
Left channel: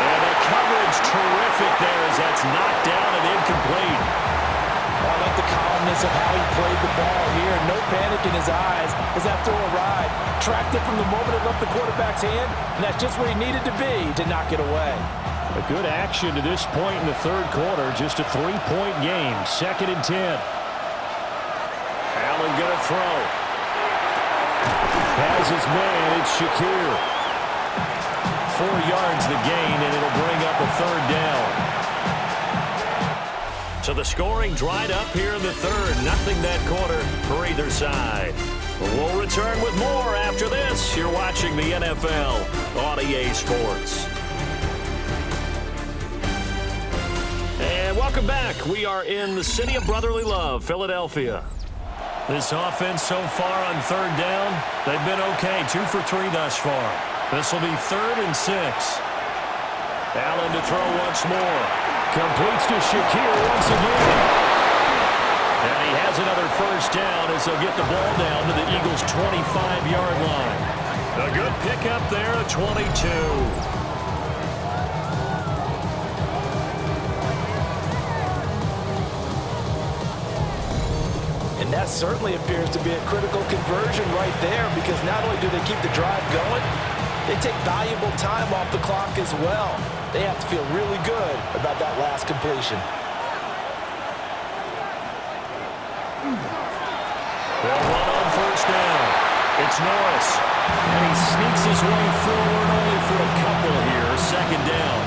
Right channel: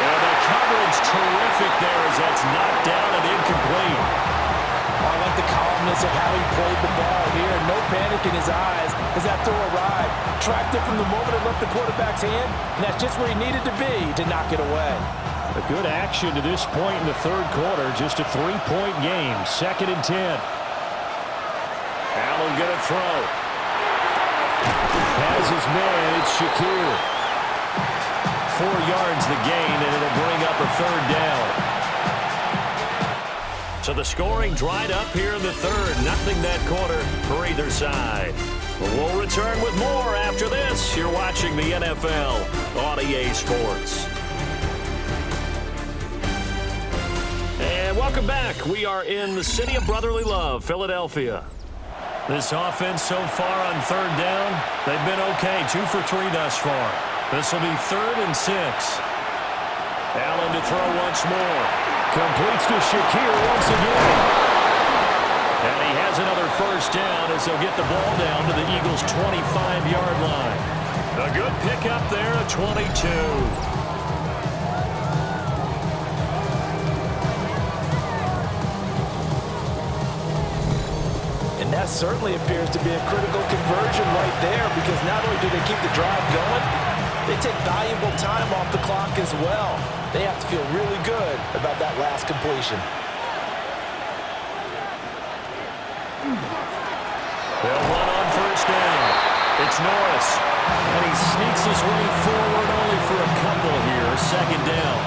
And the coverage terrific there as that's knocked down and incomplete. Oh, I like the calmness of how he played the ball here. No panic in his eyes as that throw arrived. Tracked it from the moment it left the quarterback's hand, and that's just where he needed to be to knock it away. A good action to this point in the 3rd quarter. Just a 3-point game. 2nd and 10. Allen going to throw. Has his man. It's Shakir. 4 yards the gain, and it'll bring up a 3rd down. So the scoring dried up here in the 3rd. Nothing that quarter for either side. We'll return with more after this. You're watching the NFL on EA Sports. And welcome back. We are in the city of brotherly love, Philadelphia. This offense so far on 3rd down, they've been okay. 2 for 3 thus far. This will be 3rd and 6. Allen to throw once more. Completes to Shakir once again. And he has another first down as they'll get the ball down to the Eagles' 25-yard line. A good pickup there at 22. And that certainly appears to be a critical conversion right there, because not only do they keep the drive going, they take valuable time off the clock as well. They have to feel really good about that last completion. They'll run on first down. It's Norris. And he sneaks his way forward only for a couple here. 2nd down.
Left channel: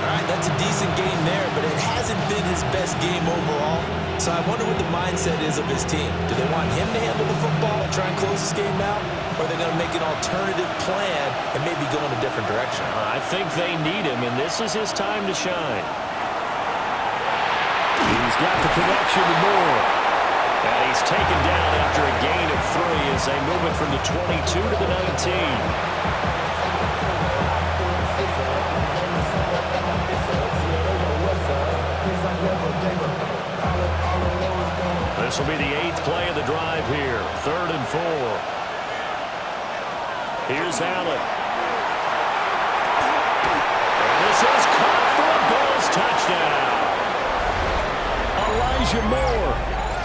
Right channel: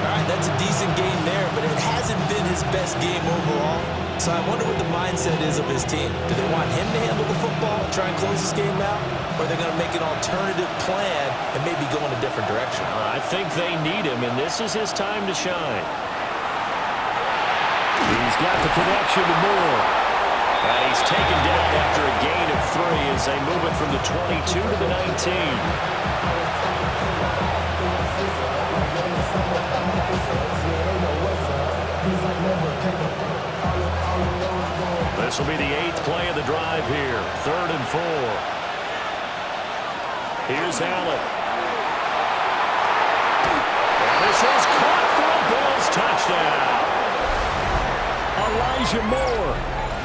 All right, that's a decent game there, but it hasn't been his best game overall. So I wonder what the mindset is of his team. Do they want him to handle the football and try and close this game out? or they're going to make an alternative plan and maybe go in a different direction? I think they need him, and this is his time to shine. He's got the connection to Moore. And he's taken down after a gain of 3 as they move it from the 22 to the 19. This will be the 8th play of the drive here. 3rd and 4. Here's Allen. And this is caught for a Bills touchdown. Elijah Moore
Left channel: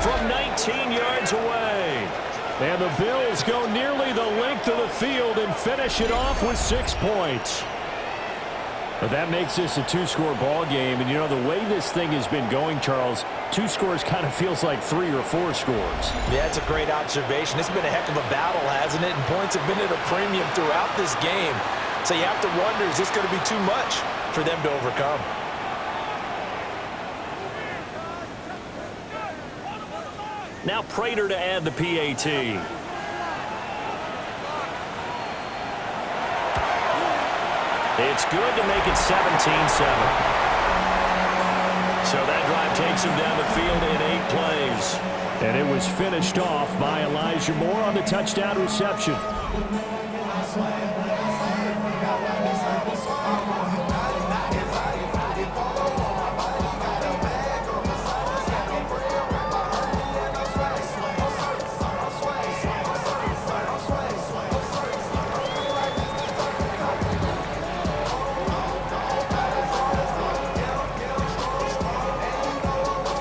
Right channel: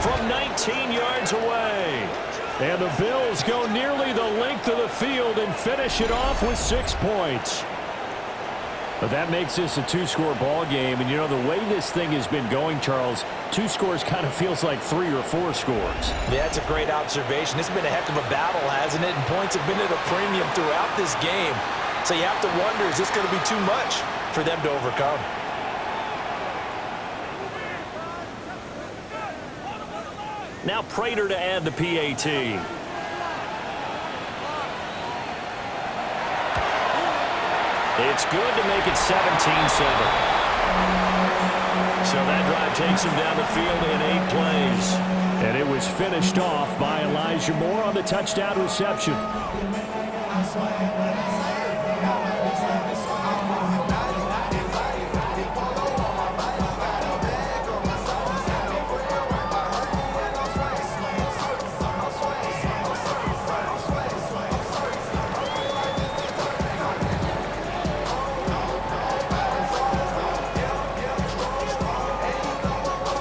from 19 yards away. And the Bills go nearly the length of the field and finish it off with 6 points. But that makes this a 2-score ball game. And, you know, the way this thing has been going, Charles, 2 scores kind of feels like 3 or 4 scores. Yeah, that's a great observation. It's been a heck of a battle, hasn't it? And points have been at a premium throughout this game. So you have to wonder, is this going to be too much for them to overcome? Now Prater to add the PAT. It's good to make it 17-7. So that drive takes him down the field in 8 plays. And it was finished off by Elijah Moore on the touchdown reception.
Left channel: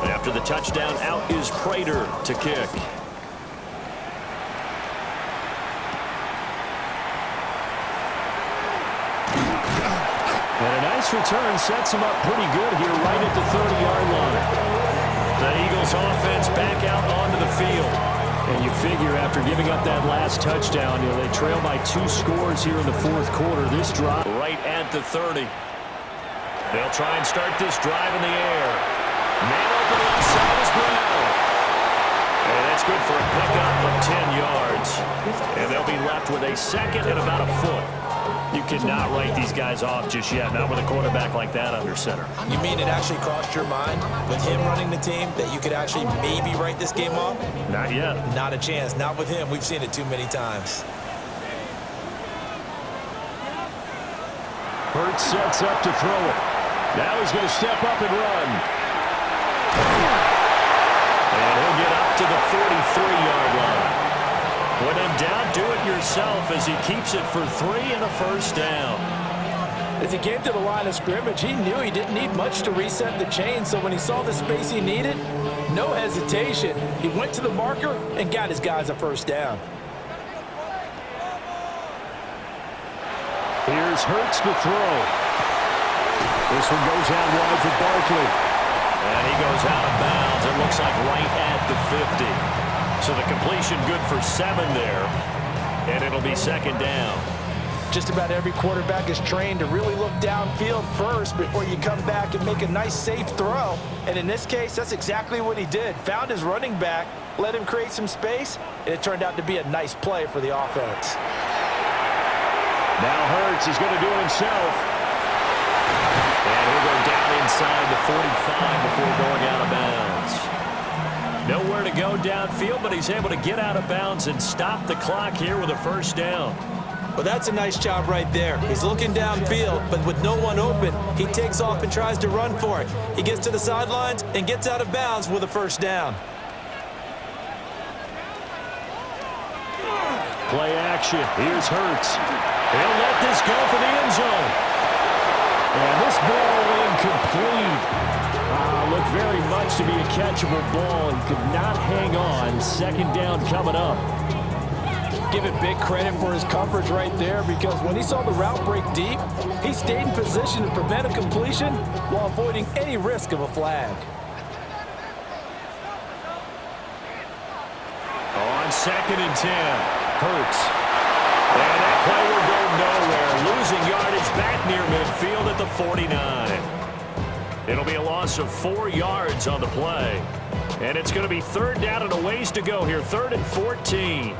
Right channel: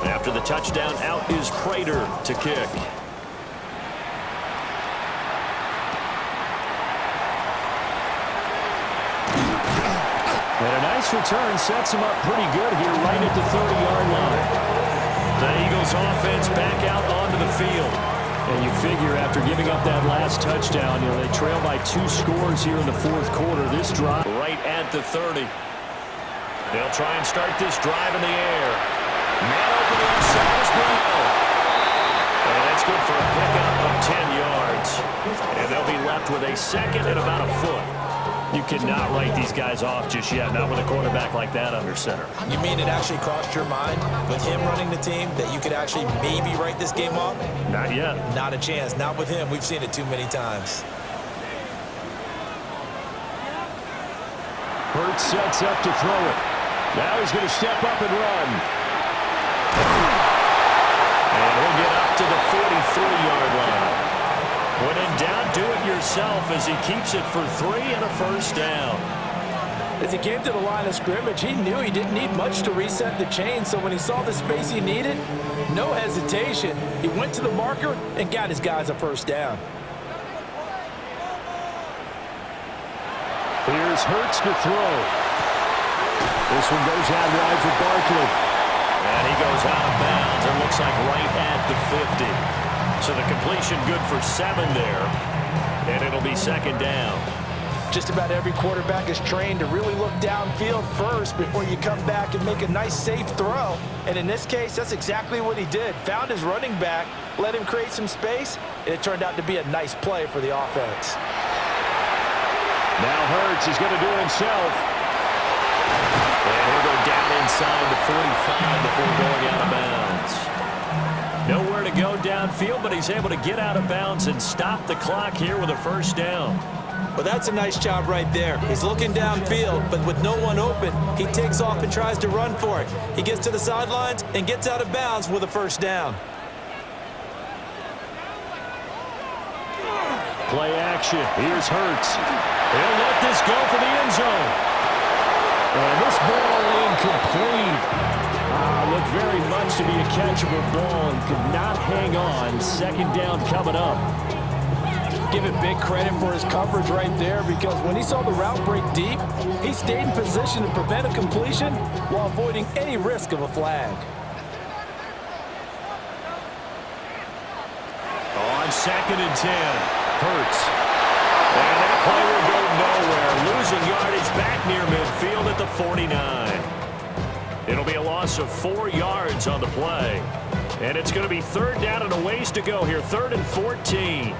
After the touchdown, out is Prater to kick. And a nice return sets him up pretty good here right at the 30-yard line. The Eagles offense back out onto the field. And you figure after giving up that last touchdown, you know, they trail by 2 scores here in the 4th quarter. This drive right at the 30. They'll try and start this drive in the air. Man open inside is Brown. And that's good for a pickup of 10 yards. And they'll be left with a 2nd and about a foot. You cannot write these guys off just yet, not with a quarterback like that under center. You mean it actually crossed your mind with him running the team that you could actually maybe write this game off? Not yet. Not a chance. Not with him. We've seen it too many times. Hurts sets up to throw it. Now he's going to step up and run. And he'll get up to the 43-yard line. When in doubt, do it yourself as he keeps it for 3 and a first down. As he came to the line of scrimmage, he knew he didn't need much to reset the chain, so when he saw the space he needed, no hesitation. He went to the marker and got his guys a first down. Here's Hurts to throw. This one goes out wide for Barkley. And he goes out of bounds. It looks like right at the 50. So the completion good for 7 there. And it'll be 2nd down. Just about every quarterback is trained to really look downfield first before you come back and make a nice, safe throw. And in this case, that's exactly what he did. Found his running back, let him create some space, and it turned out to be a nice play for the offense. Now Hurts, he's going to do it himself. And he'll go down inside the 45 before going out of bounds. Nowhere to go downfield, but he's able to get out of bounds and stop the clock here with a first down. Well, that's a nice job right there. He's looking downfield, but with no one open, he takes off and tries to run for it. He gets to the sidelines and gets out of bounds with a first down. Play action. Here's Hurts. He'll let this go for the end zone. And this ball incomplete. Looked very much to be a catchable ball and could not hang on. 2nd down coming up. Give him big credit for his coverage right there, because when he saw the route break deep, he stayed in position to prevent a completion while avoiding any risk of a flag. On 2nd and 10, Hurts. And that play will go nowhere. Losing yardage back near midfield at the 49. It'll be a loss of 4 yards on the play. And it's going to be 3rd down and a ways to go here. 3rd and 14.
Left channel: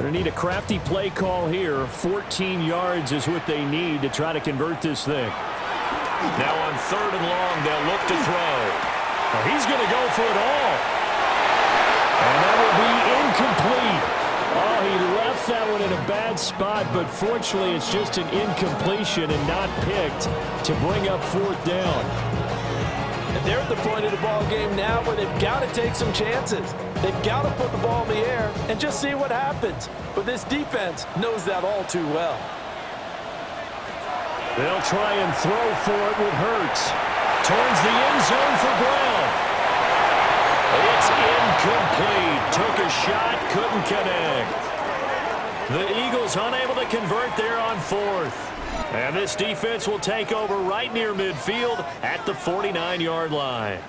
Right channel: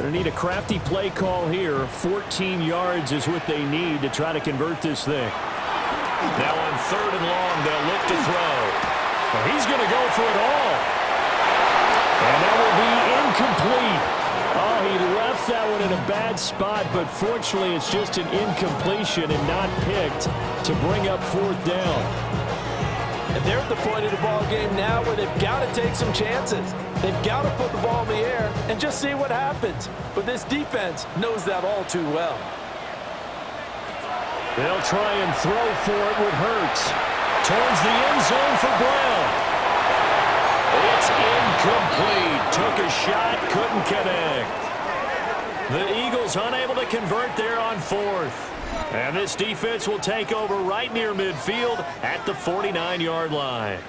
Going to need a crafty play call here. 14 yards is what they need to try to convert this thing. Now on 3rd and long, they'll look to throw. Well, he's going to go for it all. And that will be incomplete. Oh, he left that one in a bad spot, but fortunately it's just an incompletion and not picked to bring up 4th down. And they're at the point of the ball game now where they've got to take some chances. They've got to put the ball in the air and just see what happens. But this defense knows that all too well. They'll try and throw for it with Hurts. Towards the end zone for Brown. It's incomplete. Took a shot, couldn't connect. The Eagles unable to convert there on 4th. And this defense will take over right near midfield at the 49-yard line.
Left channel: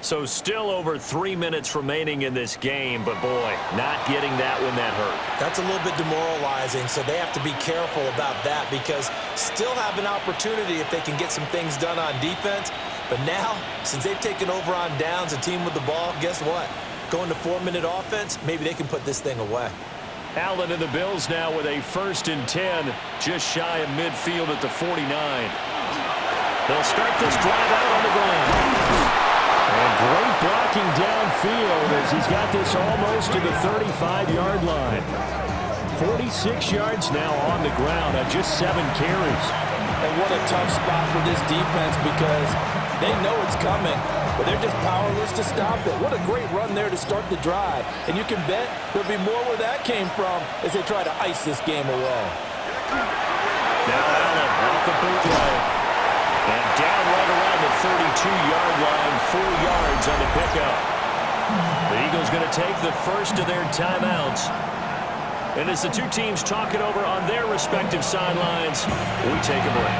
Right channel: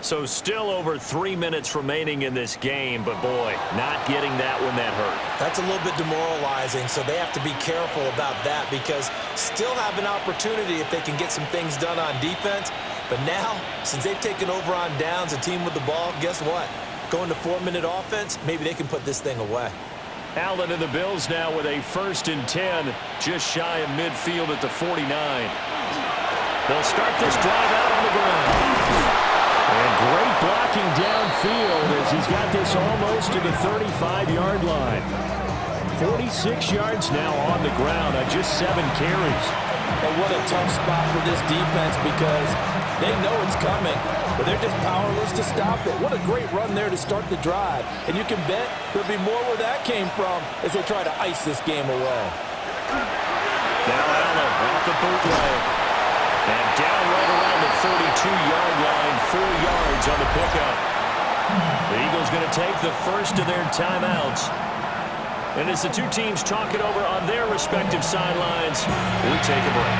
So still over 3 minutes remaining in this game, but boy, not getting that when that hurt. That's a little bit demoralizing, so they have to be careful about that because still have an opportunity if they can get some things done on defense. But now, since they've taken over on downs, a team with the ball, guess what? Going to 4-minute offense, maybe they can put this thing away. Allen and the Bills now with a 1st and 10, just shy of midfield at the 49. They'll start this drive out on the ground. And great blocking downfield as he's got this almost to the 35-yard line. 46 yards now on the ground on just 7 carries. And what a tough spot for this defense because they know it's coming, but they're just powerless to stop it. What a great run there to start the drive. And you can bet there'll be more where that came from as they try to ice this game away. Now Allen off the bootleg. And down right around the 32-yard line, 4 yards on the pickup. The Eagles going to take the first of their timeouts. And as the two teams talk it over on their respective sidelines, we take a break.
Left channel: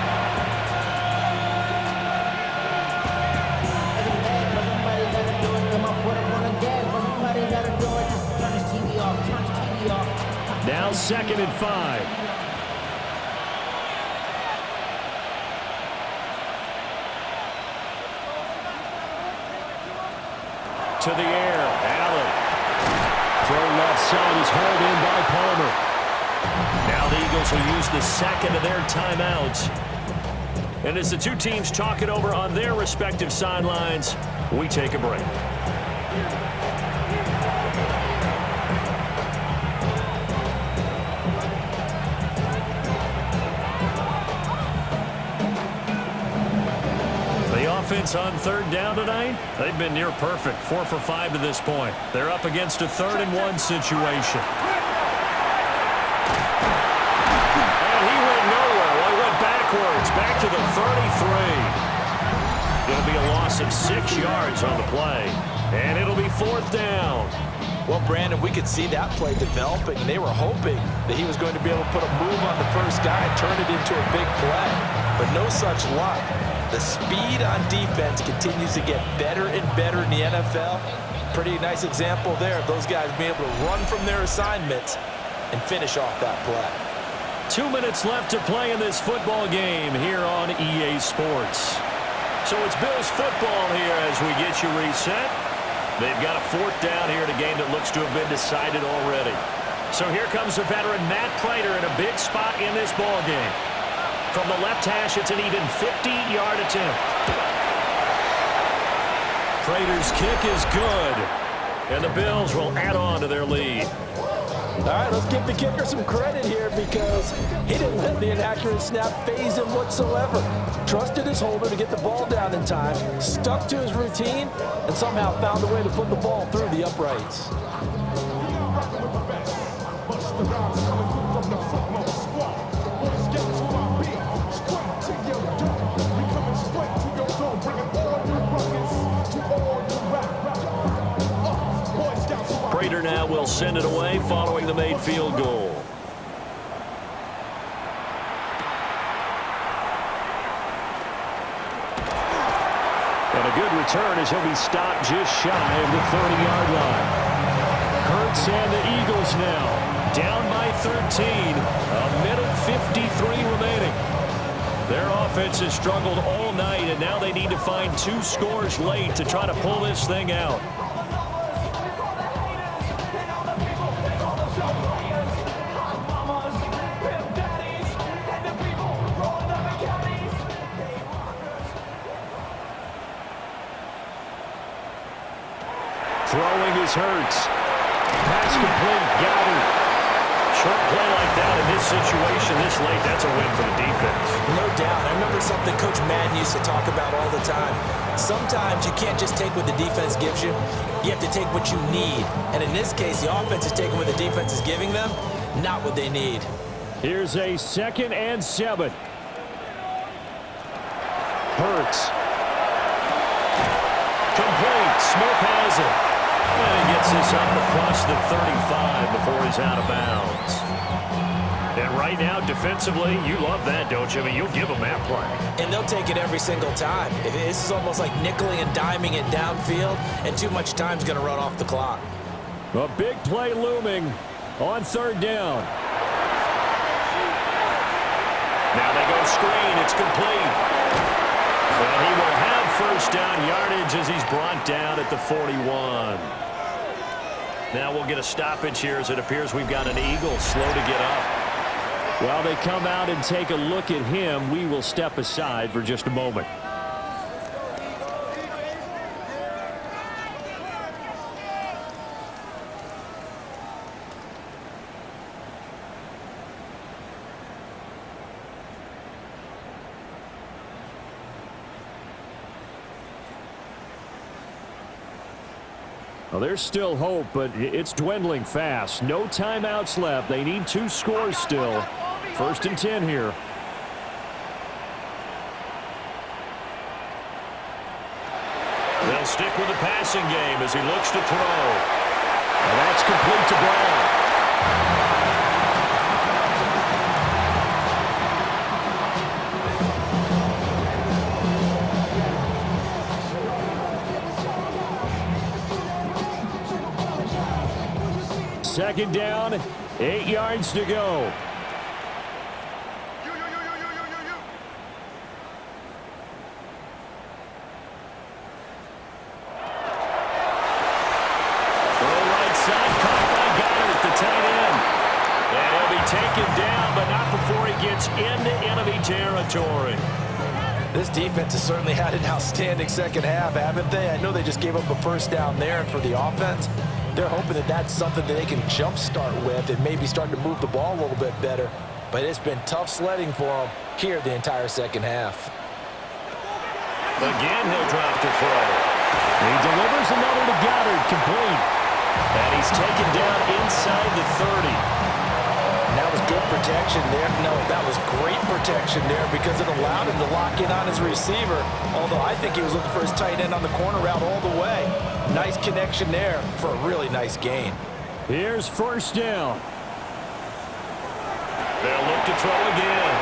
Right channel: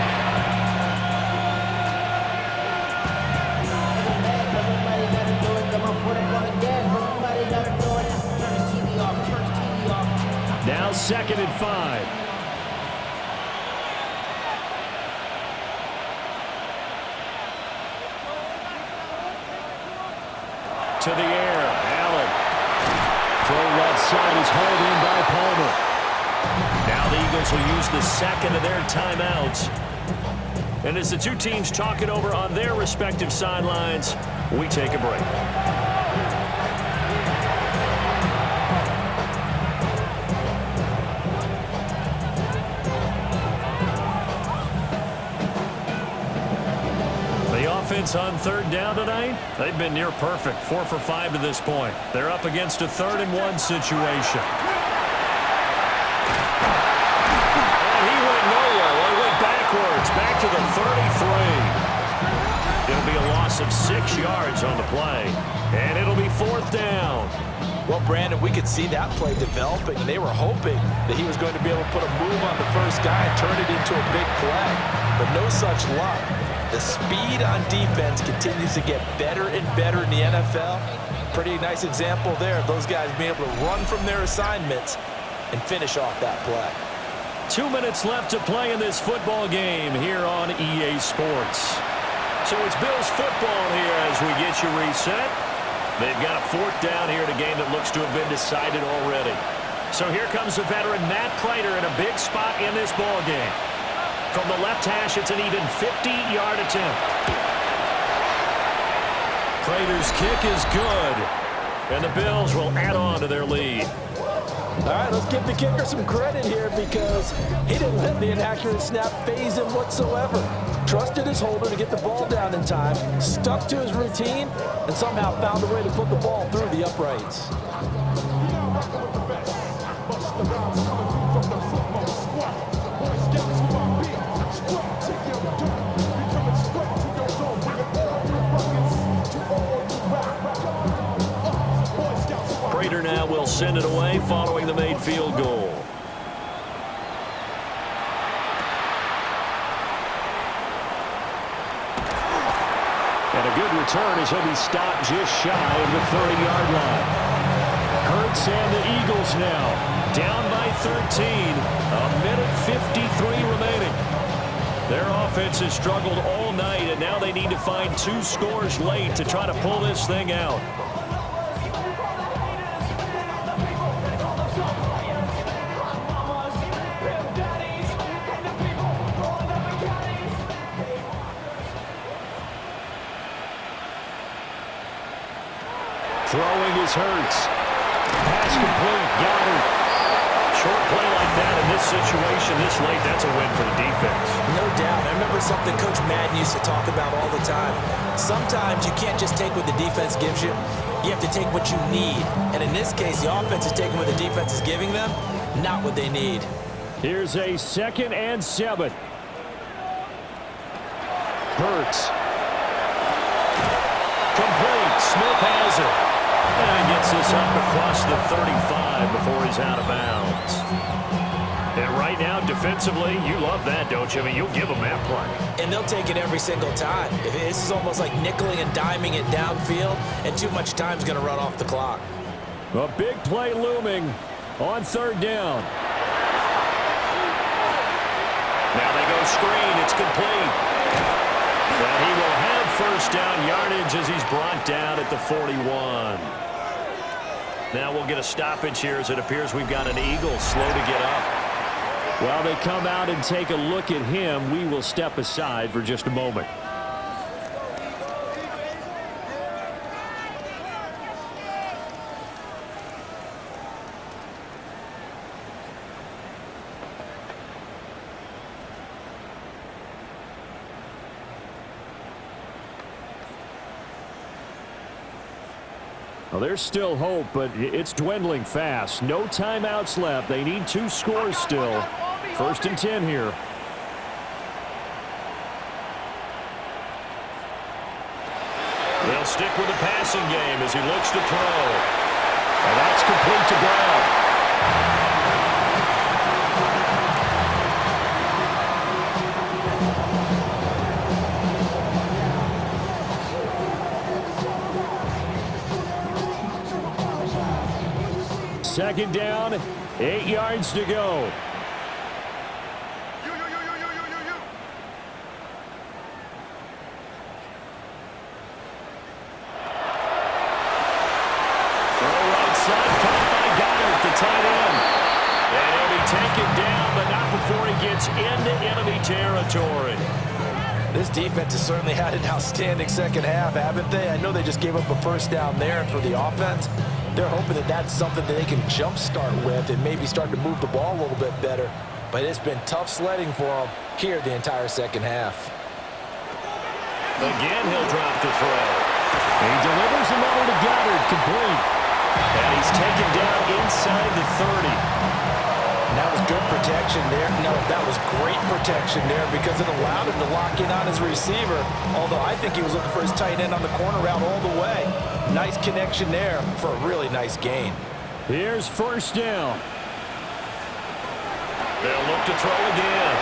Now 2nd and 5. To the air, Allen. Throw left side is hauled in by Palmer. Now the Eagles will use the 2nd of their timeouts. And as the two teams talk it over on their respective sidelines, we take a break. The offense on 3rd down tonight, they've been near perfect. 4 for 5 to this point. They're up against a 3rd and 1 situation. And he went nowhere. Well, he went backwards, back to the 33. It'll be a loss of 6 yards on the play. And it'll be 4th down. Well, Brandon, we could see that play developing, and they were hoping that he was going to be able to put a move on the first guy and turn it into a big play. But no such luck. The speed on defense continues to get better and better in the NFL. Pretty nice example there of those guys being able to run from their assignments and finish off that play. 2 minutes left to play in this football game here on EA Sports. So it's Bills football here as we get you reset. They've got a 4th down here in a game that looks to have been decided already. So here comes the veteran Matt Prater in a big spot in this ball game. From the left hash, it's an even 50-yard attempt. Prater's kick is good, and the Bills will add on to their lead. All right, let's give the kicker some credit here because he didn't let the inaccurate snap phase him whatsoever. Trusted his holder to get the ball down in time, stuck to his routine, and somehow found a way to put the ball through the uprights. Prater now will send it away following the made field goal. And a good return as he'll be stopped just shy of the 30-yard line. Hurts and the Eagles now down by 13. A minute 53 remaining. Their offense has struggled all night, and now they need to find 2 scores late to try to pull this thing out. Throwing is Hurts. Pass complete. Goddard. Short play like that in this situation this late, that's a win for the defense. No doubt. I remember something Coach Madden used to talk about all the time. Sometimes you can't just take what the defense gives you. You have to take what you need. And in this case, the offense is taking what the defense is giving them, not what they need. Here's a 2nd and 7. Hurts. Complete. Smith has it. And he gets this up across the 35 before he's out of bounds. And right now, defensively, you love that, don't you? I mean, you'll give them that play. And they'll take it every single time. This is almost like nickeling and diming it downfield, and too much time's going to run off the clock. A big play looming on 3rd down. Now they go screen. It's complete. And he will have 1st down yardage as he's brought down at the 41. Now we'll get a stoppage here as it appears we've got an Eagle slow to get up. While they come out and take a look at him, we will step aside for just a moment. Well, there's still hope, but it's dwindling fast. No timeouts left. They need 2 scores still. 1st and 10 here. They'll stick with the passing game as he looks to throw. And that's complete to Brown. Second down, 8 yards to go. Throw right side, caught by Goddard, the tight end. And he'll be taken down, but not before he gets into enemy territory. This defense has certainly had an outstanding second half, haven't they? I know they just gave up a 1st down there, and for the offense, they're hoping that that's something that they can jumpstart with and maybe start to move the ball a little bit better. But it's been tough sledding for them here the entire second half. Again, he'll drop to throw. He delivers another to Goddard, complete. And he's taken down inside the 30. And that was good protection there. No, that was great protection there because it allowed him to lock in on his receiver. Although I think he was looking for his tight end on the corner route all the way. Nice connection there for a really nice gain. Here's 1st down. They'll look to throw again.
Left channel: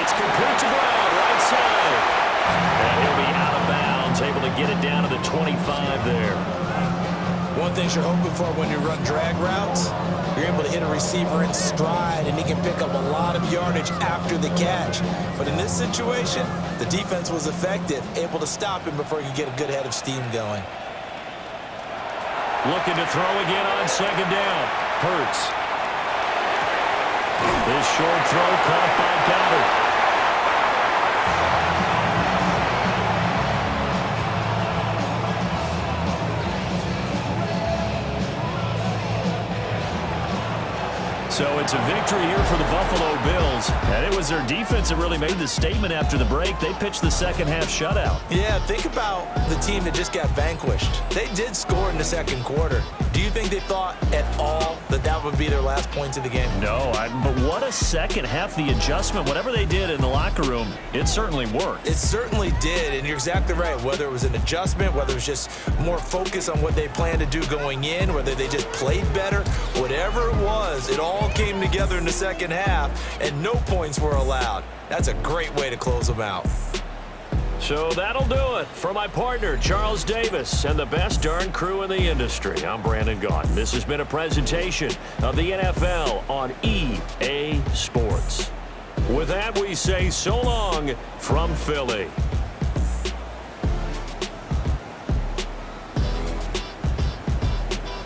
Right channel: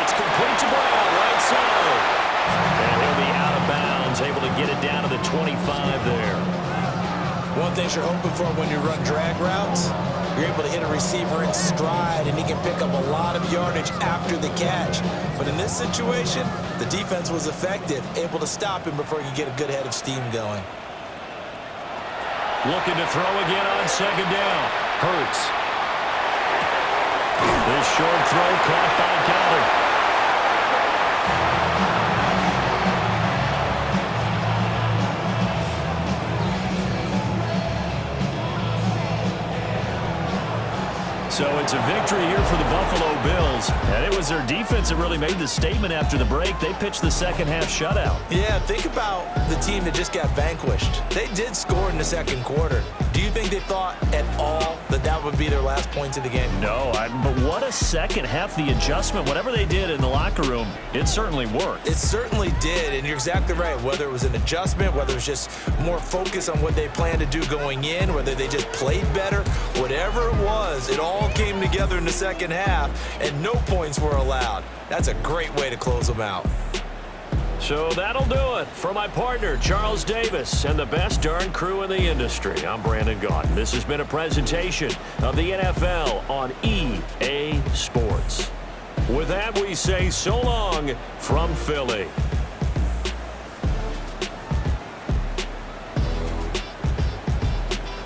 It's complete to Brown, right side. And he'll be out of bounds, able to get it down to the 25 there. One thing you're hoping for when you run drag routes, you're able to hit a receiver in stride, and he can pick up a lot of yardage after the catch. But in this situation, the defense was effective, able to stop him before he could get a good head of steam going. Looking to throw again on 2nd down. Hurts. This short throw caught by Goddard. So it's a victory here for the Buffalo Bills. And it was their defense that really made the statement after the break. They pitched the second half shutout. Yeah, think about the team that just got vanquished. They did score in the second quarter. Do you think they thought at all that that would be their last points of the game? No, but what a second half. The adjustment, whatever they did in the locker room, it certainly worked. It certainly did, and you're exactly right. Whether it was an adjustment, whether it was just more focus on what they planned to do going in, whether they just played better, whatever it was, it all came together in the second half, and no points were allowed. That's a great way to close them out. So that'll do it for my partner, Charles Davis, and the best darn crew in the industry. I'm Brandon Gaudin. This has been a presentation of the NFL on EA Sports. With that, we say so long from Philly.